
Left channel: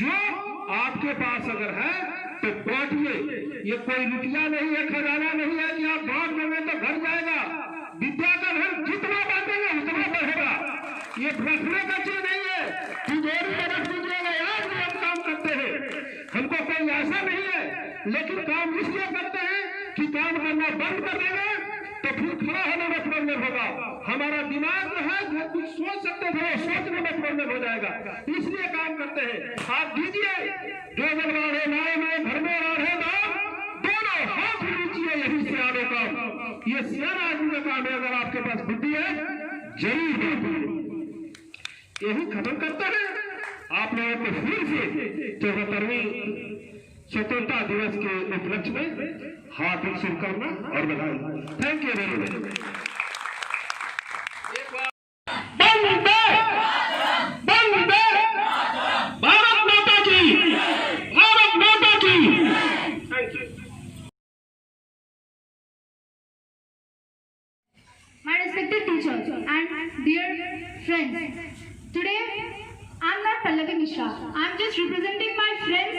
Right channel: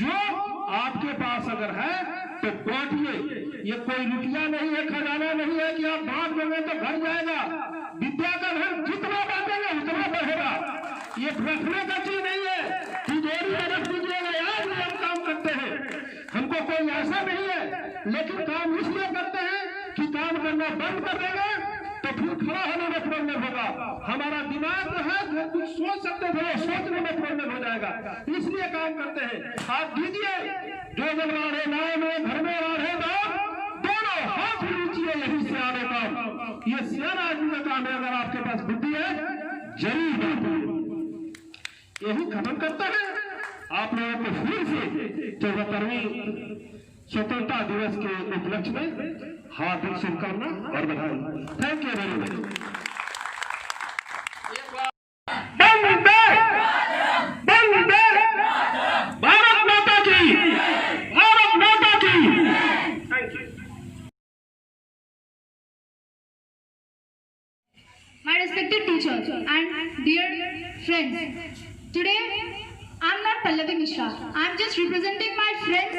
जो आपके पास अगर है तो बांटिए। ये कोई रुपया नहीं है, खजाना नहीं है कि आप बांट देंगे तो घर जाएगा। विद्या का धन जितना बांटेंगे उतना बढ़ेगा। ये रखने का चीज नहीं है, तिजोरी में रख दीजिएगा, आज भी हम काम करते हैं, हमको कोई ऐसा नहीं है, लेकिन काम इसलिए करते हैं कि काम करना बंद कर देंगे तो फिर खड़ा होने में प्रॉब्लम होगा। हमारा दिमाग जो है जो कुछ सोच सकते थे वो सोचने में प्रॉब्लम हो जाएगा, इसलिए काम करते हैं। आप दीजिए, जो जब राढ़े लाए में घर में राढ़े लाओ, दोनों हाथ लीजिए, यही सियाने काम, ये सियाना आदमी का काम है। अगर आपके पास बुद्धि है जरूर बांटिए। यही खत्म करता है। आप लोगों को फिर से 74वीं स्वतंत्रता दिवस के उपलक्ष्य में हार्दिक शुभकामना और बधाई। Thank you very much. Bharat माता की, भारत माता की। Thank you. My respected teachers and dear friends, today I'm not Pallavi Mishra. I'm just representing my friends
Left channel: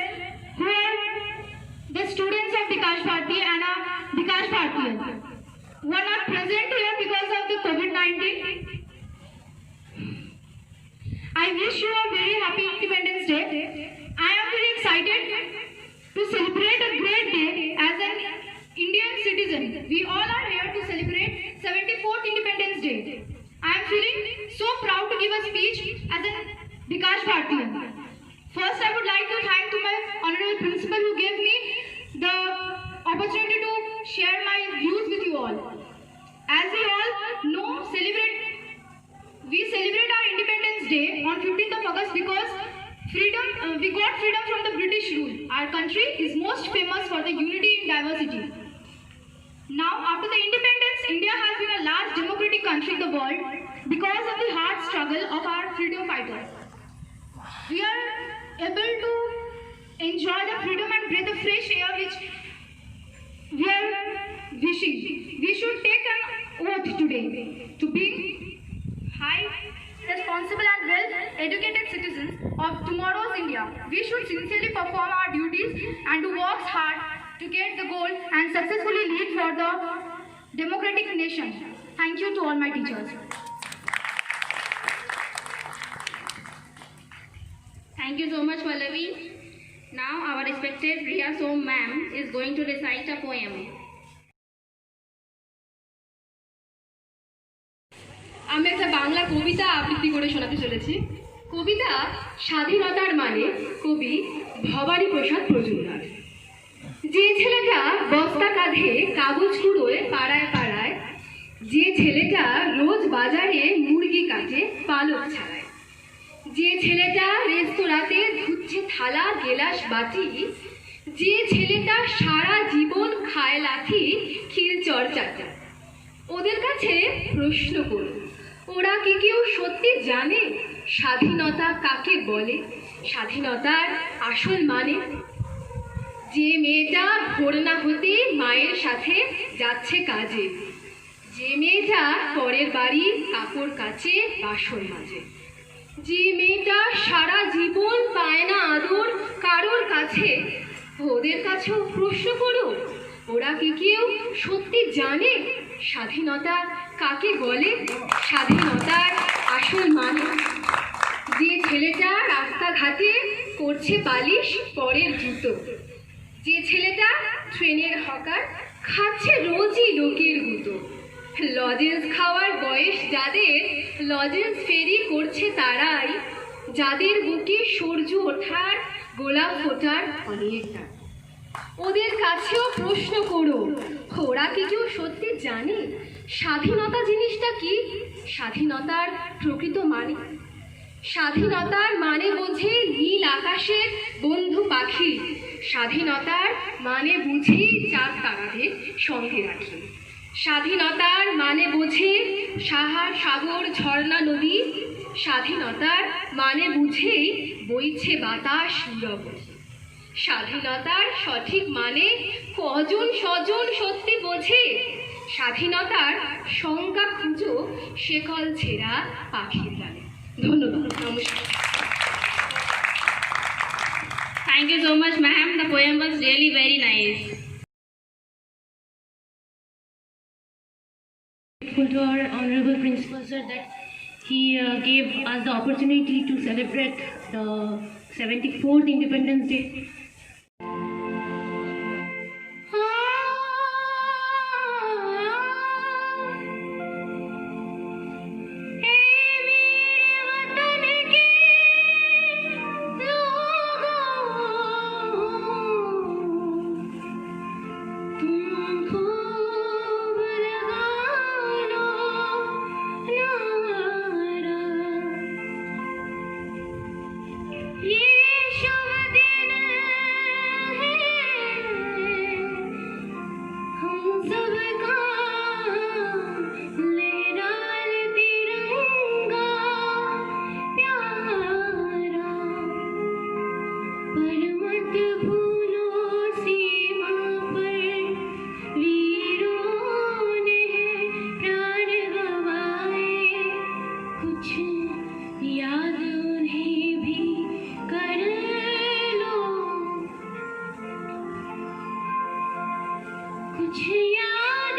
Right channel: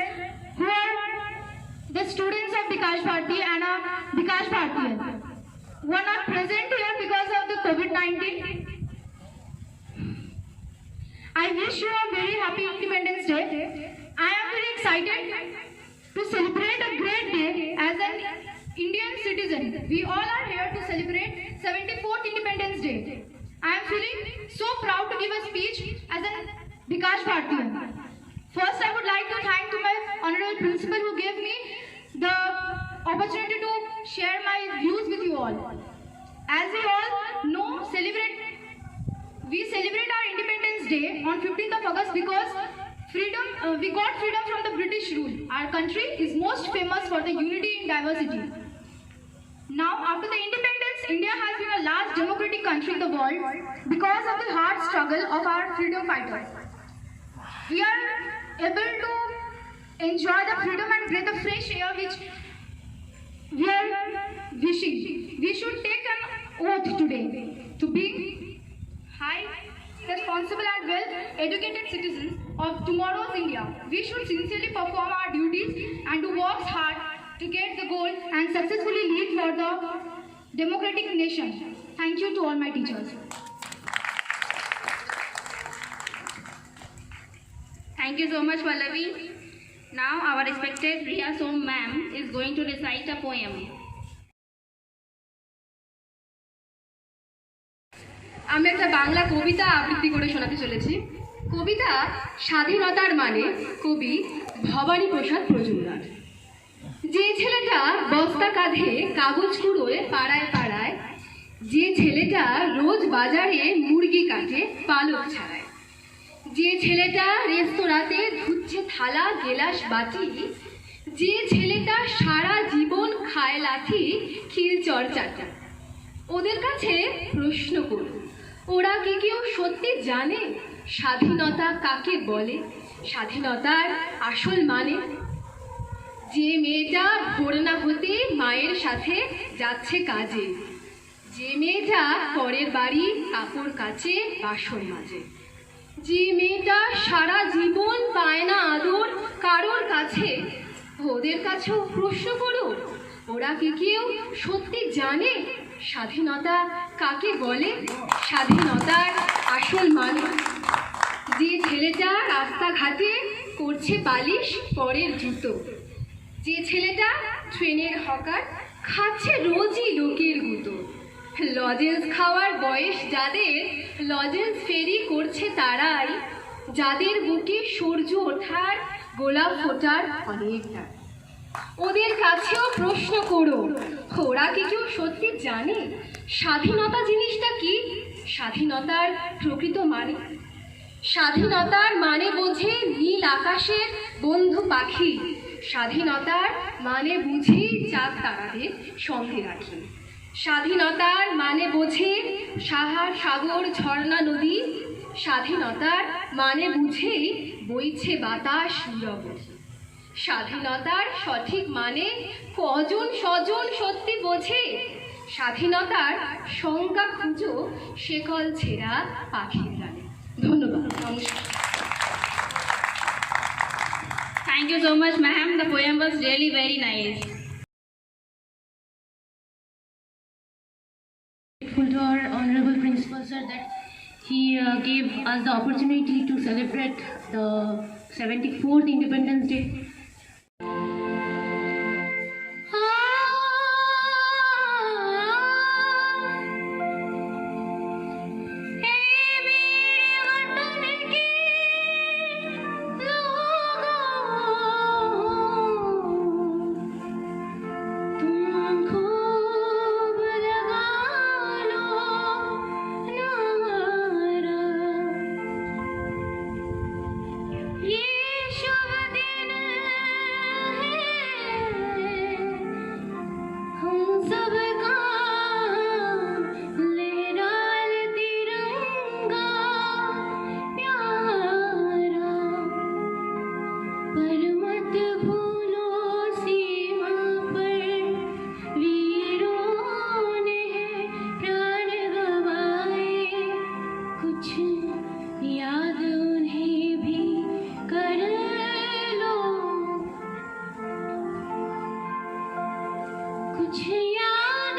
who are the students of Bikash Bharti and Bikash Bharti. were not present here because of the COVID-19. I wish you a very happy Independence Day. I am very excited to celebrate a great day as an Indian citizen. We all are here to celebrate 74th Independence Day. I am feeling so proud to give a speech as an Bikash Bhartiya. First, I would like to thank to my honorable principal who gave me the opportunity to share my views with you all. As we all know, we celebrate our Independence Day on 15th of August because we got freedom from the British rule. Our country is most famous for the unity in diversity. Now, after the independence, India has been a large democratic country in the world because of the hard struggle of our freedom fighters. We are able to enjoy the freedom and breathe the fresh air which we are wishing. We should take an oath today to be high, responsible and well-educated citizens of tomorrow's India. We should sincerely perform our duties and to work hard to get the goal and successfully lead for the democratic nation. Thank you to all my teachers. Thank you so much, Pallavi. Now our respected Riya Som ma'am is going to recite a poem. আমি একটা বাংলা কবিতা আবৃত্তি করে শোনাতে চলেছি। কবিতা স্বাধীনতার মানে কবি ভবানী প্রসাদ মজুমদার। যে ছেলেটা বস্তা কাঁধে কাগজ কুড়োয় পাড়ায় পাড়ায়, যে ছেলেটা রোজ বাজারে মুরগি কাটে পালক ছাড়ায়, যে ছেলেটা রেস্তোরাঁতে ধুচ্ছে থালা গেলাস বাটি, যে ছেলেটা সারা জীবন খায় লাথি ক্ষীর চর্চাটা, ওদের কাছে প্রশ্ন করুন, ওরা কি কেউ সত্যি জানে স্বাধীনতা কাকে বলে, স্বাধীনতার আসল মানে? যে মেয়েটা ভোর না হতে মায়ের সাথে যাচ্ছে কাজে, যে মেয়েটা পরের বাড়ি কাপড় কাচে বাসন মাজে, যে মেয়েটা সারা জীবন পায় না আদর কারোর কাছে, ওদের কাছেও প্রশ্ন করো, ওরা কি কেউ সত্যি জানে স্বাধীনতা কাকে বলে, স্বাধীনতার আসল মানে? যে ছেলেটা রাস্তাঘাটে করছে পালিশ পরের জুতো, যে ছেলেটা ট্রেনের হকার খাচ্ছে রোজই লোকের গুঁতো, লজেন্স খাওয়ার বয়স যাদের লজেন্স ফেরি করছে তারাই, যাদের বুকে সূর্য ওঠার গোলাপ ফোটার অনেকটা, ওদের কাছেও প্রশ্ন করো, ওরা কি কেউ সত্যি জানে স্বাধীনতা জিনিসটা কি, স্বাধীনতার প্রকৃত মানে? স্বাধীনতার মানে বোঝে নীল আকাশের বন্ধু পাখি, স্বাধীনতার মানে বুঝি চাঁদ তারাদের সঙ্গে রাখি, স্বাধীনতার মানে বোঝে সাহার সাগর ঝর্ণা নদী, স্বাধীনতার মানে বুঝেই বইছে বাতাস নীরবধি, স্বাধীনতার সঠিক মানে কজন স্বজন সত্যি বোঝে, স্বাধীনতার সংজ্ঞা খুঁজো শেকল ছেঁড়া পাখির গানে। ধন্যবাদ, নমস্কার। Thank you so much, ma'am. The poem was really very nice. Grateful to our honorable principal sir that he gave us the opportunity to celebrate the 74th Independence Day. कुछ याद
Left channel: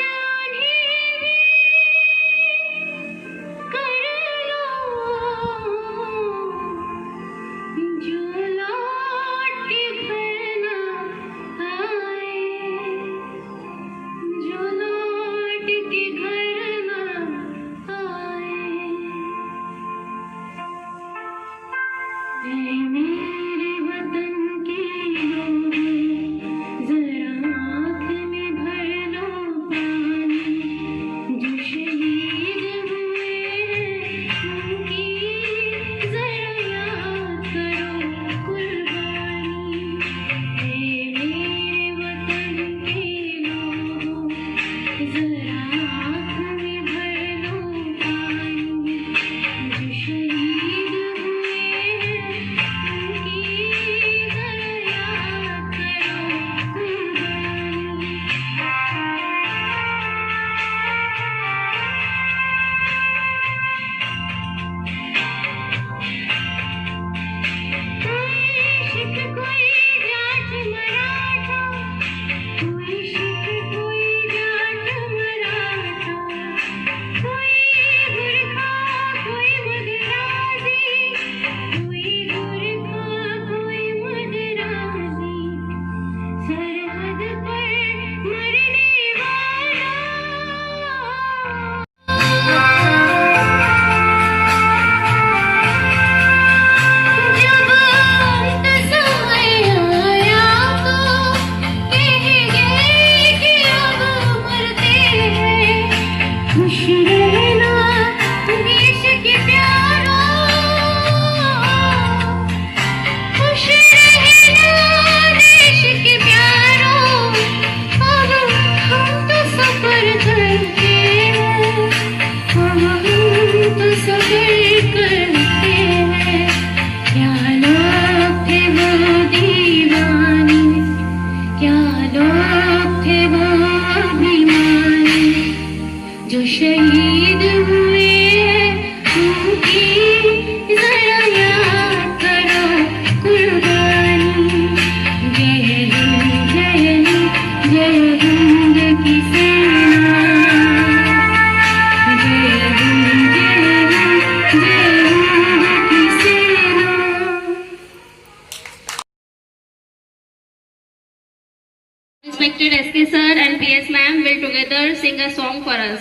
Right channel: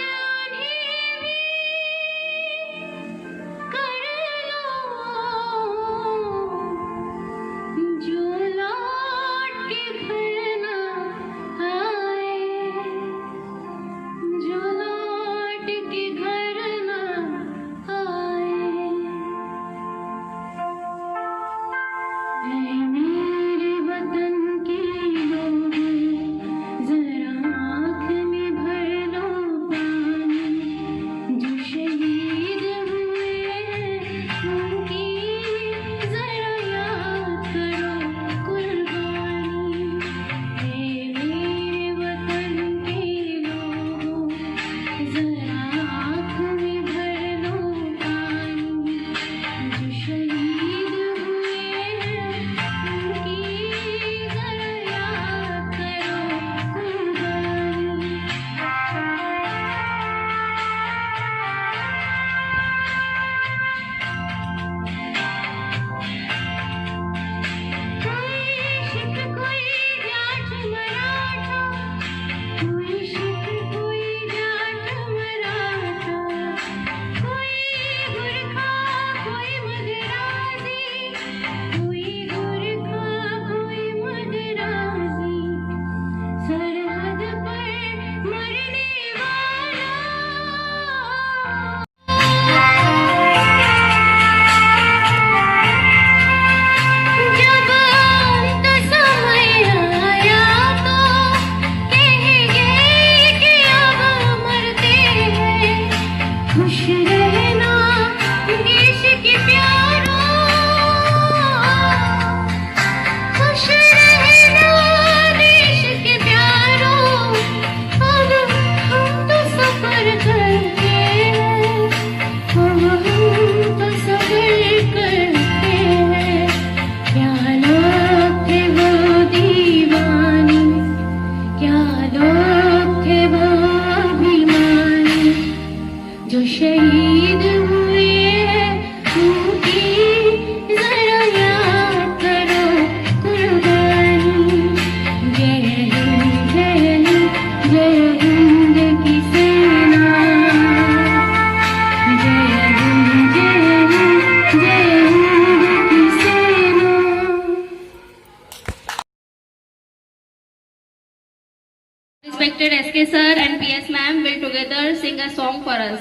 together sing a song for us.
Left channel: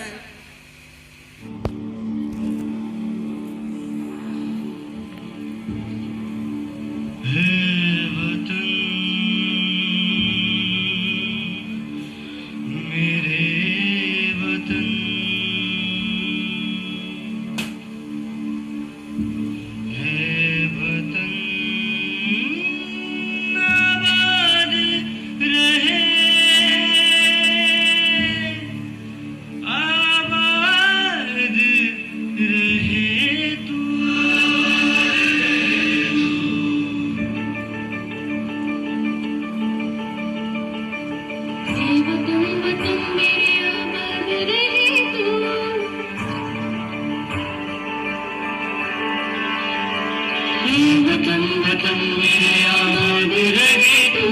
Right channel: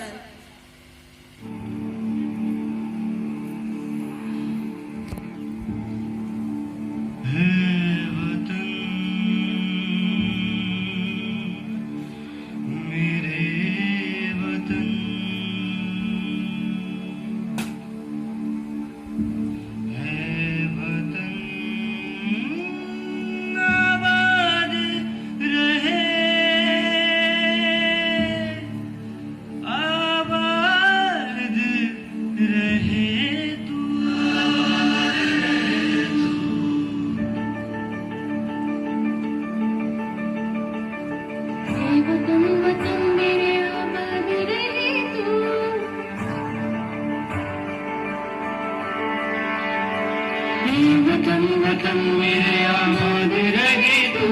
वतन वतन मेरे आबाद रहे तू,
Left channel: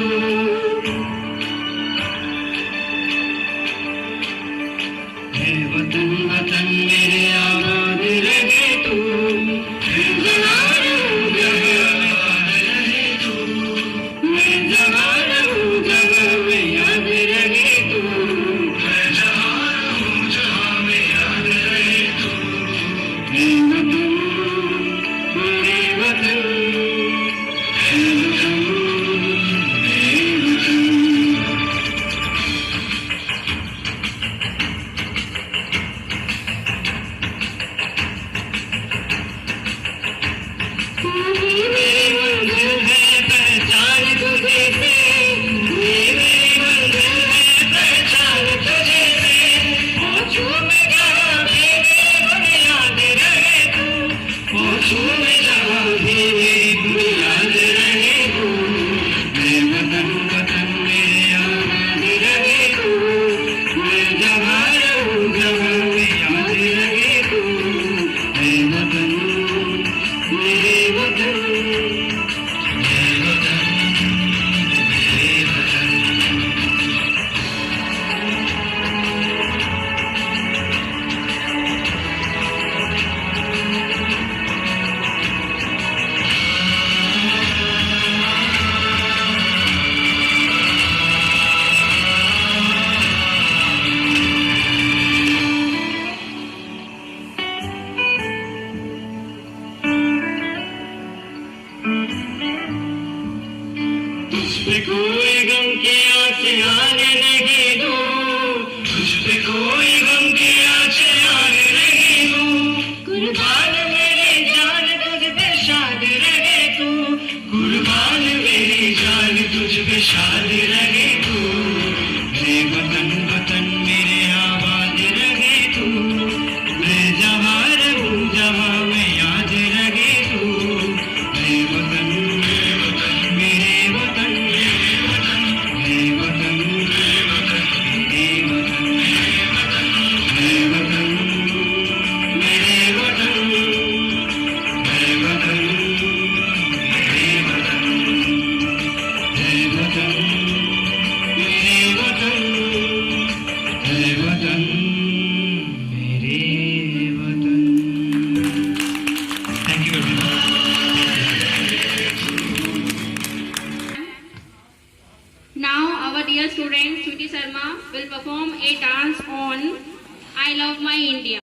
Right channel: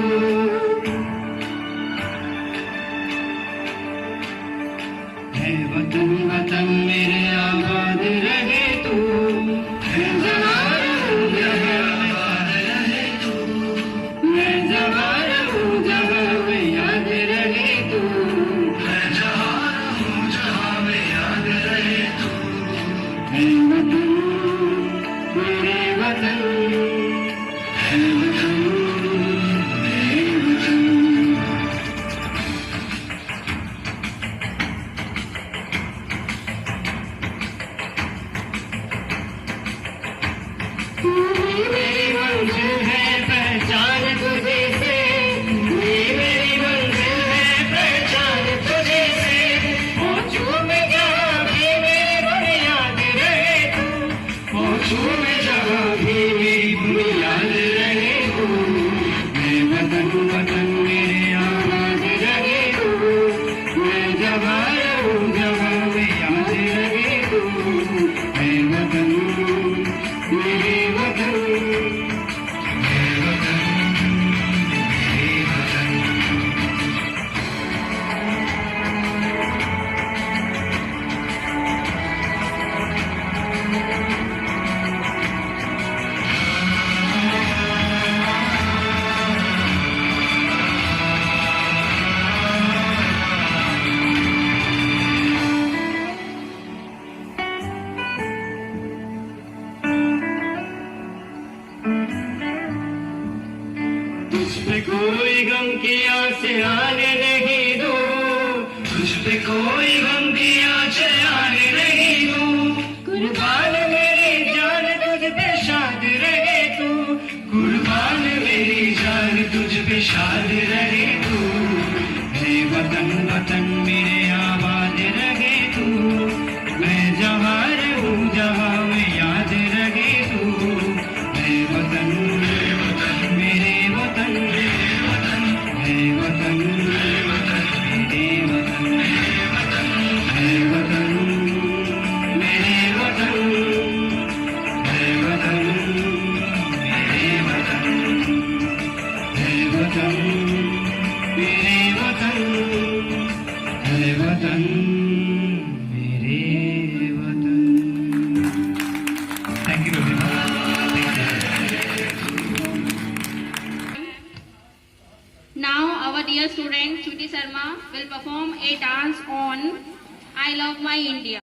है वतन वतन मेरे आबाद रहे तू, है जवान हूँ जहाँ आबाद रहे तू, मैं जवान हूँ जहाँ में याद रहे तू, मैं जवान हूँ जहाँ में याद रहे तू, है वतन मेरे वतन, है वतन मेरे वतन। तू ही मेरी मंजिल है पहचान तुझे से, तू ही मेरी मंजिल है पहचान तुझे से, पहुँचूं मैं जहाँ भी मेरी बुनियाद रहे तू, पहुँचूं मैं जहाँ भी मेरी बुनियाद रहे तू, मैं वतन वतन मेरे आबाद रहे तू, मैं जहाँ रहूँ जहाँ में याद रहे तू, मैं वतन मेरे वतन, मेरे वतन मेरे वतन। तुझ पे कोई गम की आँचें आने नहीं दूँ, तुझ पे कोई गम की आँचें आने नहीं दूँ, कुर्बान मेरी जान तुझ पे शाद रहे तू, कुर्बान मेरी जान तुझ पे शाद रहे तू, मेरे वतन वतन मेरे आबाद रहे तू, मैं जहाँ रहूँ जहाँ में याद रहे तू, मेरे वतन मेरे वतन मेरे वतन मेरे वतन मेरे वतन मेरे वतन मेरे वतन मेरे वतन मेरे वतन मेरे वतन मेरे वतन मेरे वतन मेरे वतन मेरे वतन मेरे वतन। Thank you everyone. Now our dear student Shruti Sharma will perform a dance on I Love My India.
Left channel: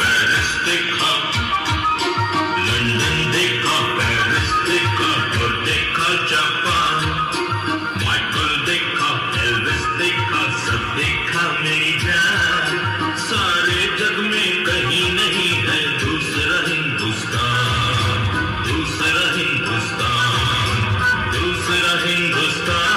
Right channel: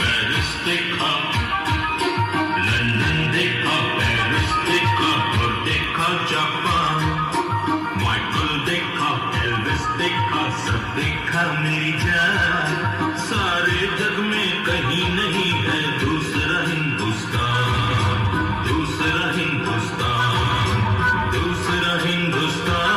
Paris देखा, लंदन देखा, पेरिस देखा और देखा जापान, माइकल देखा, एल्विस देखा, सब देखा मेरी जान, सारे जग में कहीं नहीं है दूसरा हिंदुस्तान, दूसरा हिंदुस्तान, दूसरा हिंदुस्तान।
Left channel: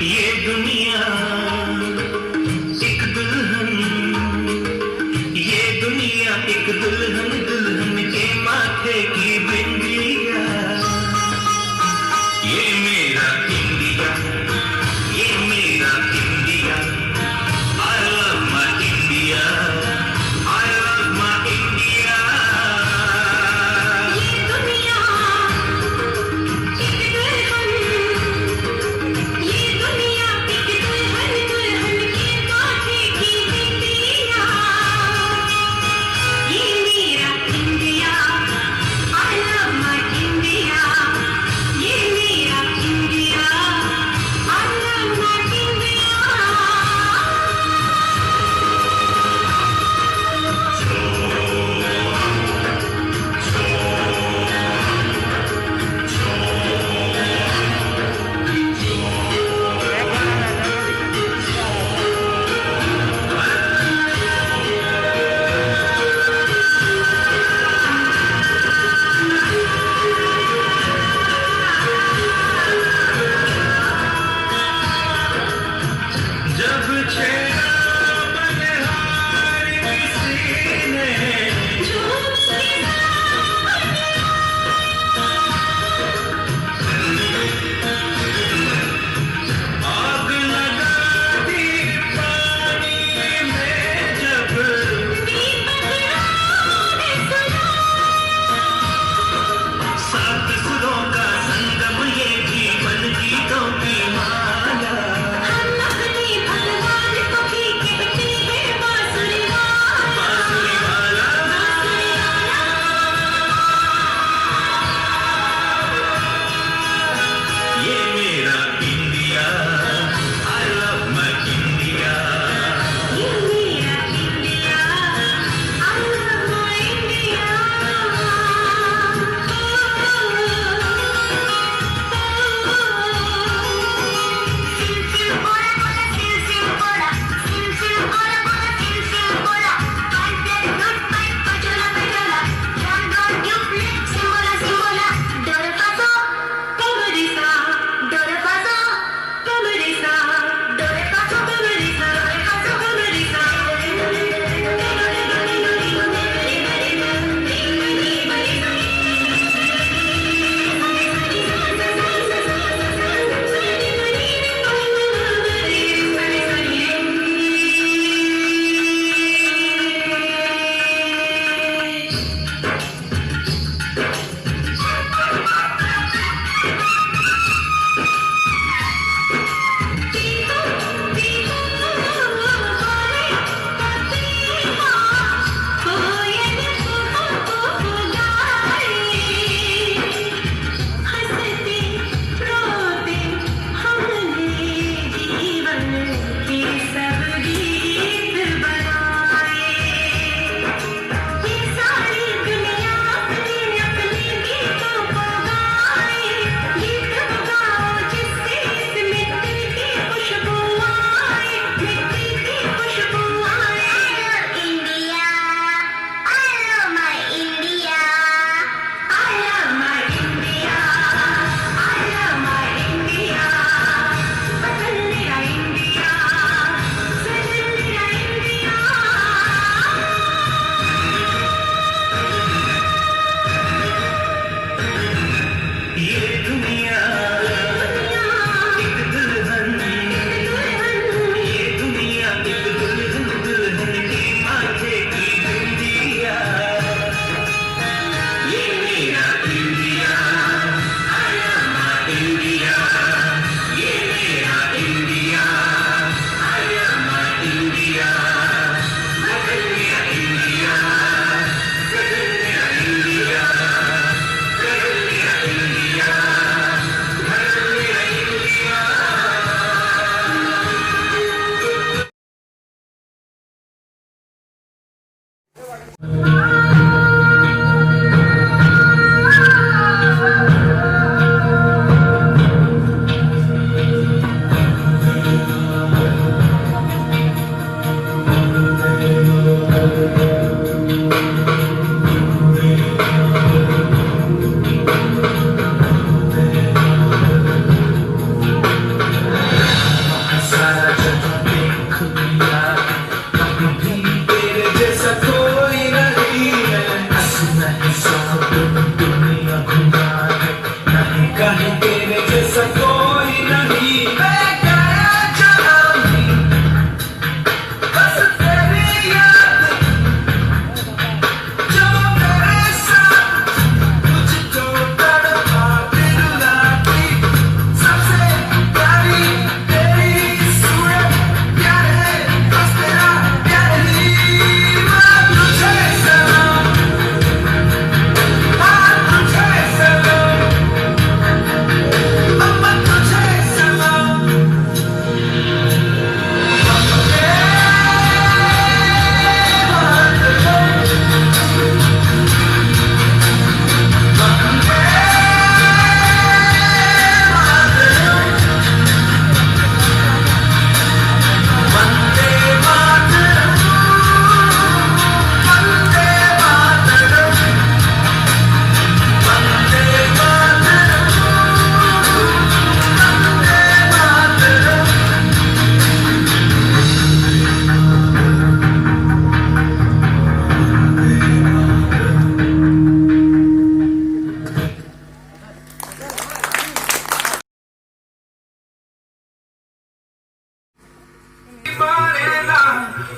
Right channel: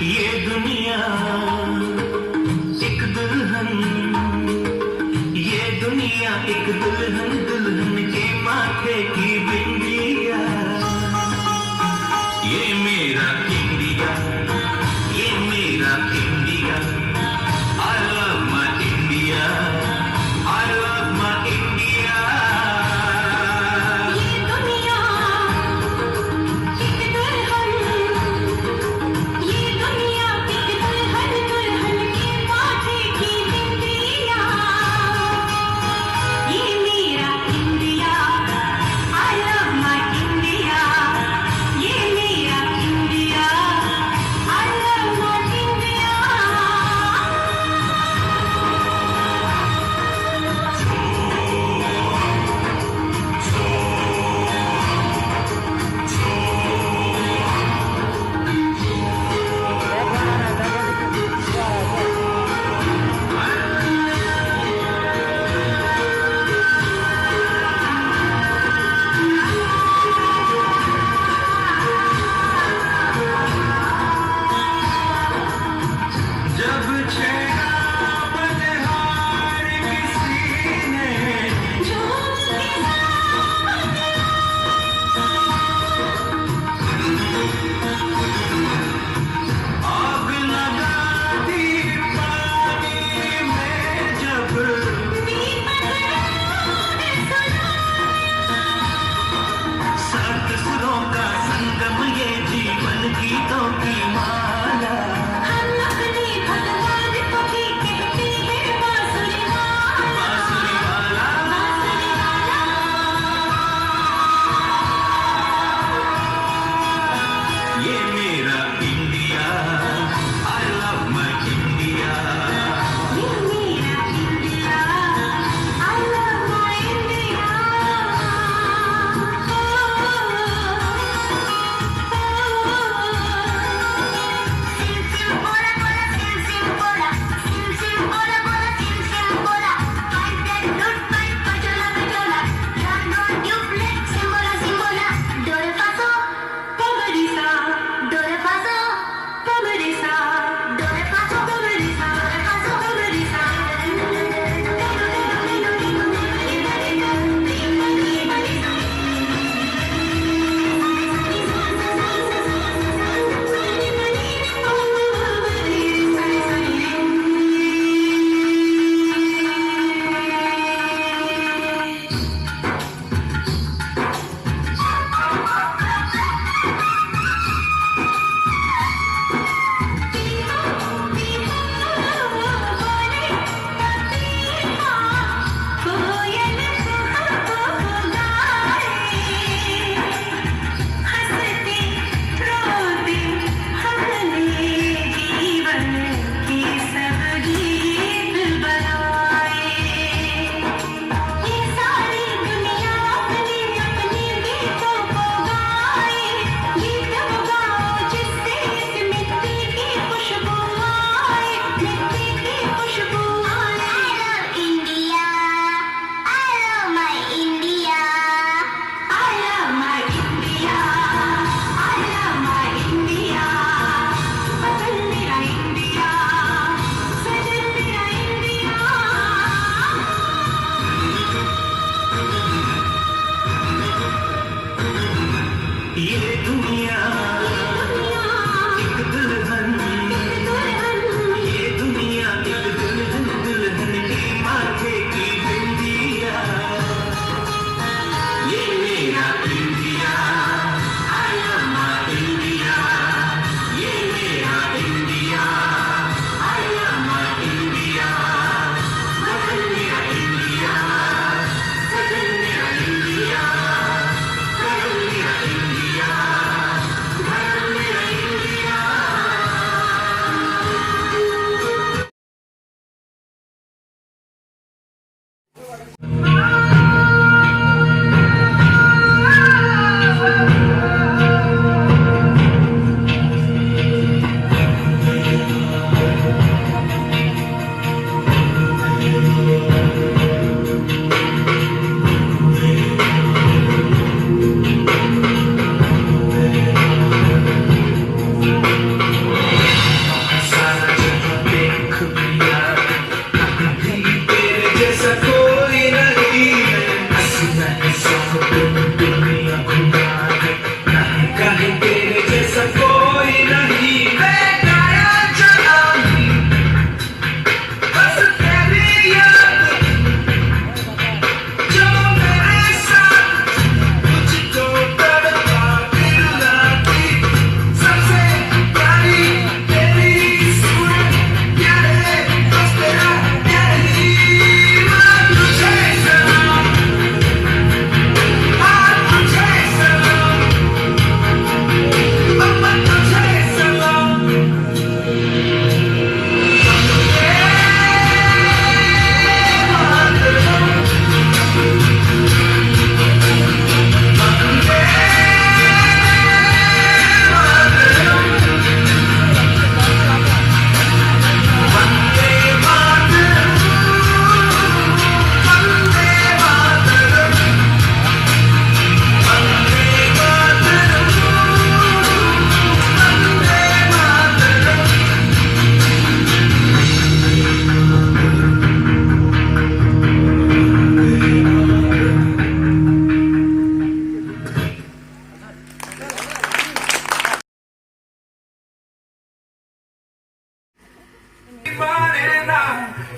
ये दुनिया एक दुल्हन, ये दुनिया एक दुल्हन, दुल्हन के माथे की बिंदिया, ये मेरा इंडिया, ये मेरा India. I love my India, I love my India। ये दुनिया एक दुल्हन, ये दुनिया एक दुल्हन, दुल्हन के माथे की बिंदिया। ये मेरा India, I love my India, ये मेरा इंडिया।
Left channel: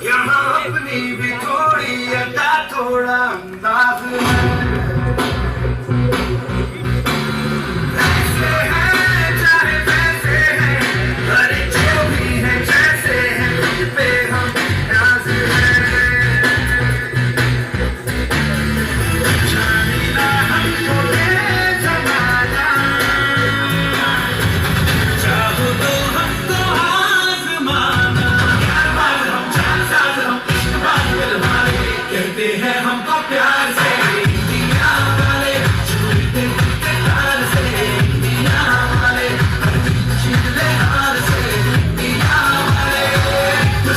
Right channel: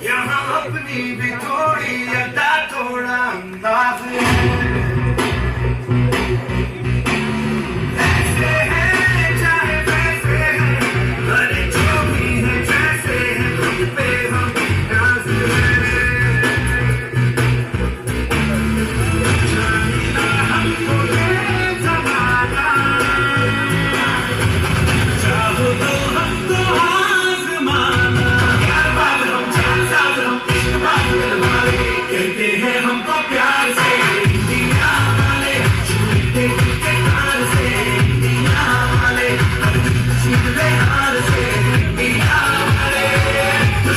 यहाँ अपनी भी थोड़ी अदा थोड़ा अंदाज है ऐसे हैं चाहे वैसे हैं अरे जो भी है जैसे हैं खुद पे हम नाज है जाने ना हमको ये ज़माना चाहो तो हमको आज़माना कहते हैं हमको प्यार से इंडिया वाले छूटे हार से इंडिया वाले छूटे हार से इंडिया वाले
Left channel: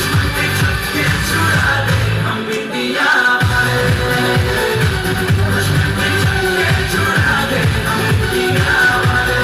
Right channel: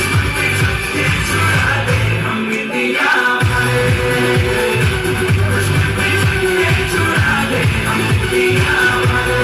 छूटे छक्के छुड़ा दे हम इंडिया वाले छूटे छक्के छुड़ा दे हम इंडिया वाले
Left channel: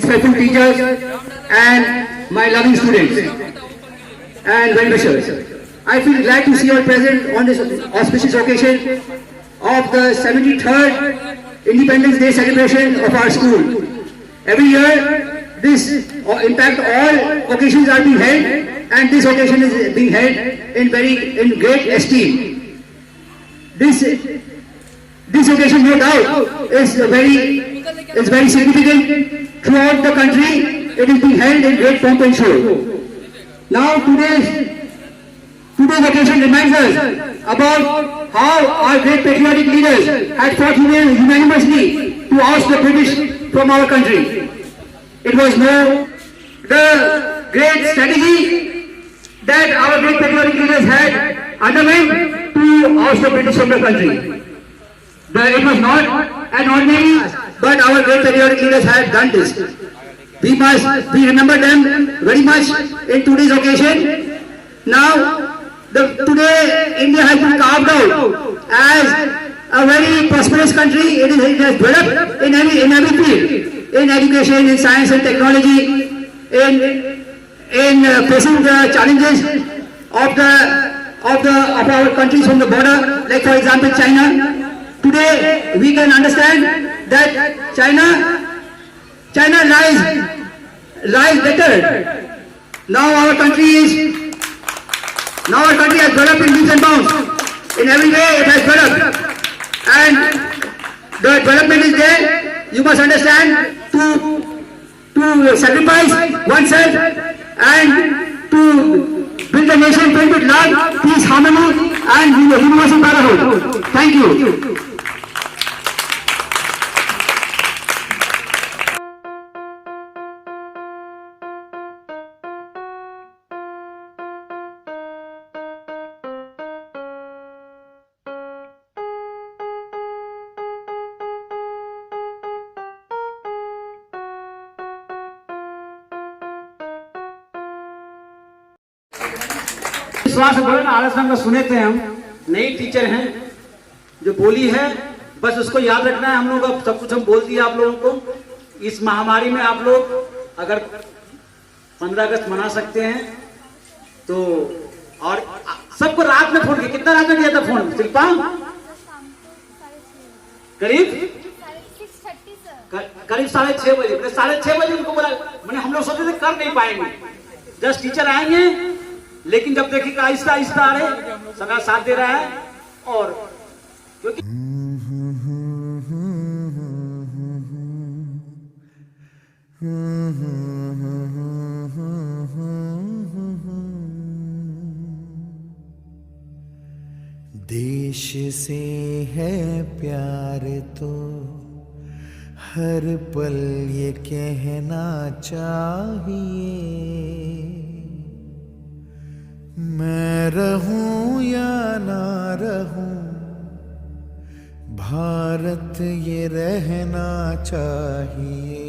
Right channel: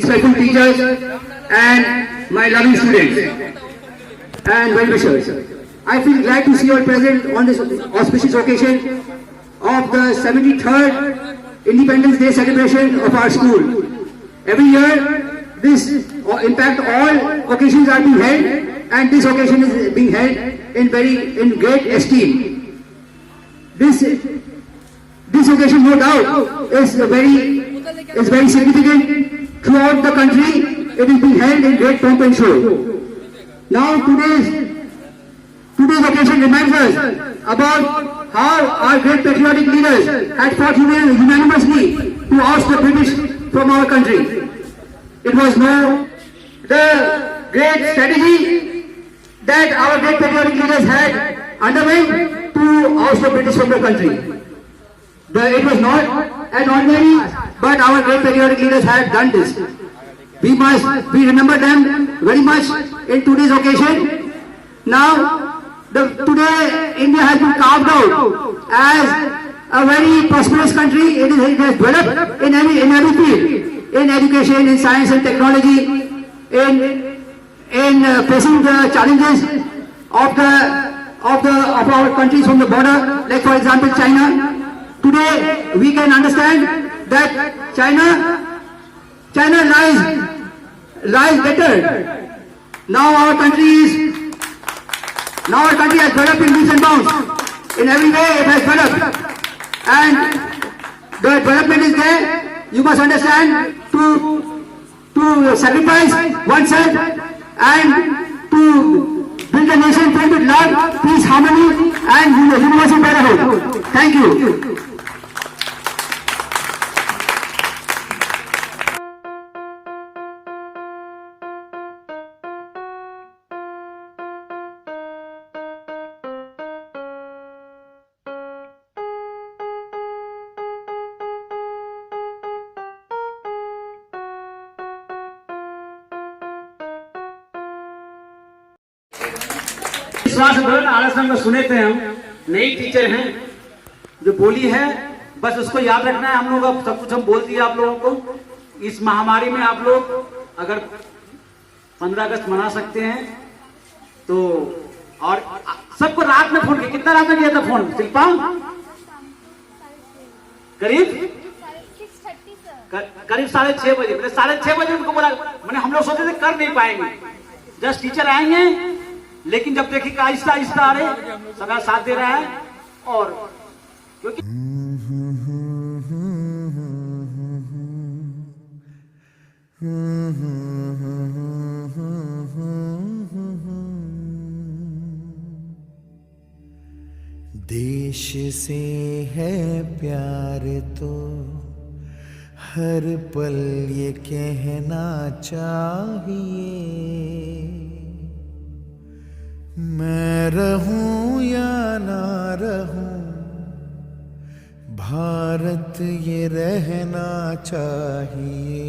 Respectful teachers and my loving students and well-wishers, I feel glad to see you all present on this auspicious occasion of the 73rd Independence Day celebration of our school. Every year, this, in fact, all occasions are being held, and this occasion is being held in great esteem. This occasion, no doubt, is very significant. Throughout the country, it is being held in great pomp and show. Now, today's occasion reminds us about how our great patriotic leaders had fought unanimously to oust the British from our country. It was the great strategy that our great patriotic leaders had underwent to oust the British from the country. It was not an ordinary, but our great patriotic leaders have done this. We remember them very much in today's occasion. Now, today India has been carved out as a very prosperous country. It has developed in every field, in education, in science and technology, in facing the challenges of our countries from the border, like for example China. Today we can understand that China lies better. Now our country has developed in leaps and bounds. In every way it has developed, and the development is there. You must understand to sacrifice oneself and to build a nation filled with love, peace, harmony, and universal brotherhood. Thank you. विश्वास बोले ना आलस में सुने थे हम नई teacher हैं जो बोली है बस उसको याद रखना है। हम लोग अब सब कुछ हम बोल दिया आप लोगों को। इस महामारी में आप लोग अगर 15 अगस्त मना सकते हैं तो और सबको रात में फोन किया, कितना रात में किया था फोन शिल्पा? करीब 6:30 बजे। मैंने 6:30 बजे उनको बोला, मैंने हम लोग सोचे थे कर नहीं पाएंगे, जस्ट टीचर आएंगे, लेकिन जब देखिए आहिस्ता आहिस्ता आ रहे, सबका साथ दे रहा है। और क्योंकि देश से है प्यार तो हर पल ये कहना चाहिए, मैं रहूं या ना रहूं भारत ये रहना चाहिए।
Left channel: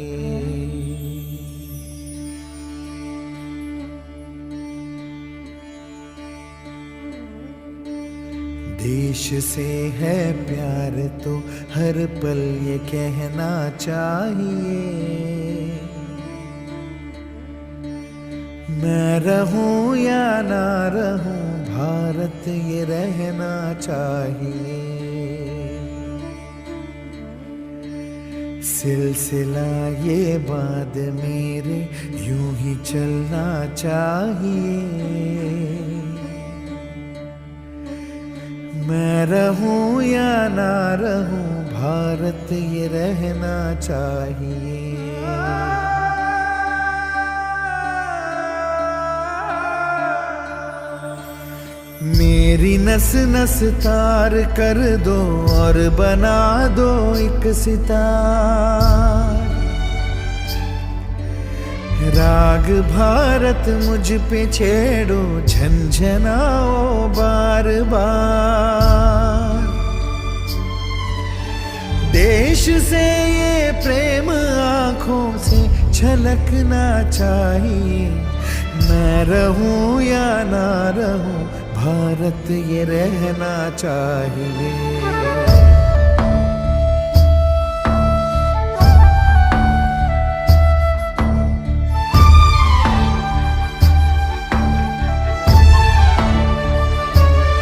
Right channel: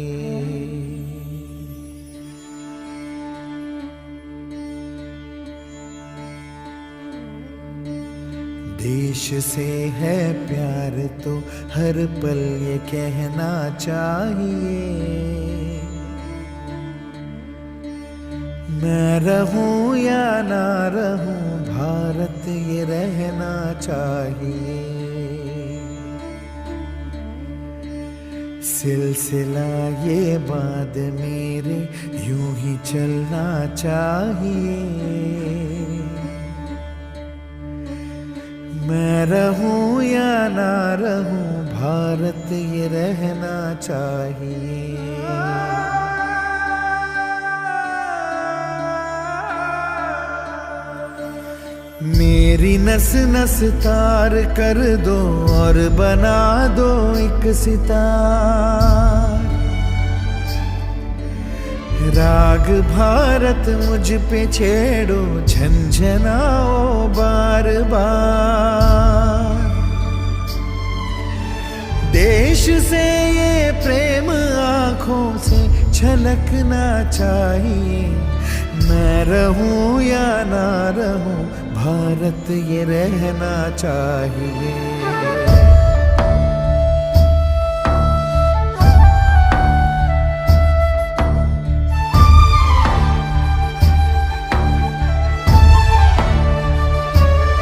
देश से है प्यार तो हर पल ये कहना चाहिए, मैं रहूं या ना रहूं भारत ये रहना चाहिए। सिलसिला ये बाद मेरे यूं ही चलना चाहिए, मैं रहूं या ना रहूं भारत ये रहना चाहिए। मेरी नस नस तार कर दो और बना दो एक सितार, राग भारत मुझ पे छेड़ो झंझनाओ बार बार। देश से ये प्रेम आँखों से छलकना चाहिए, मैं रहूं या ना रहूं भारत ये रहना चाहिए।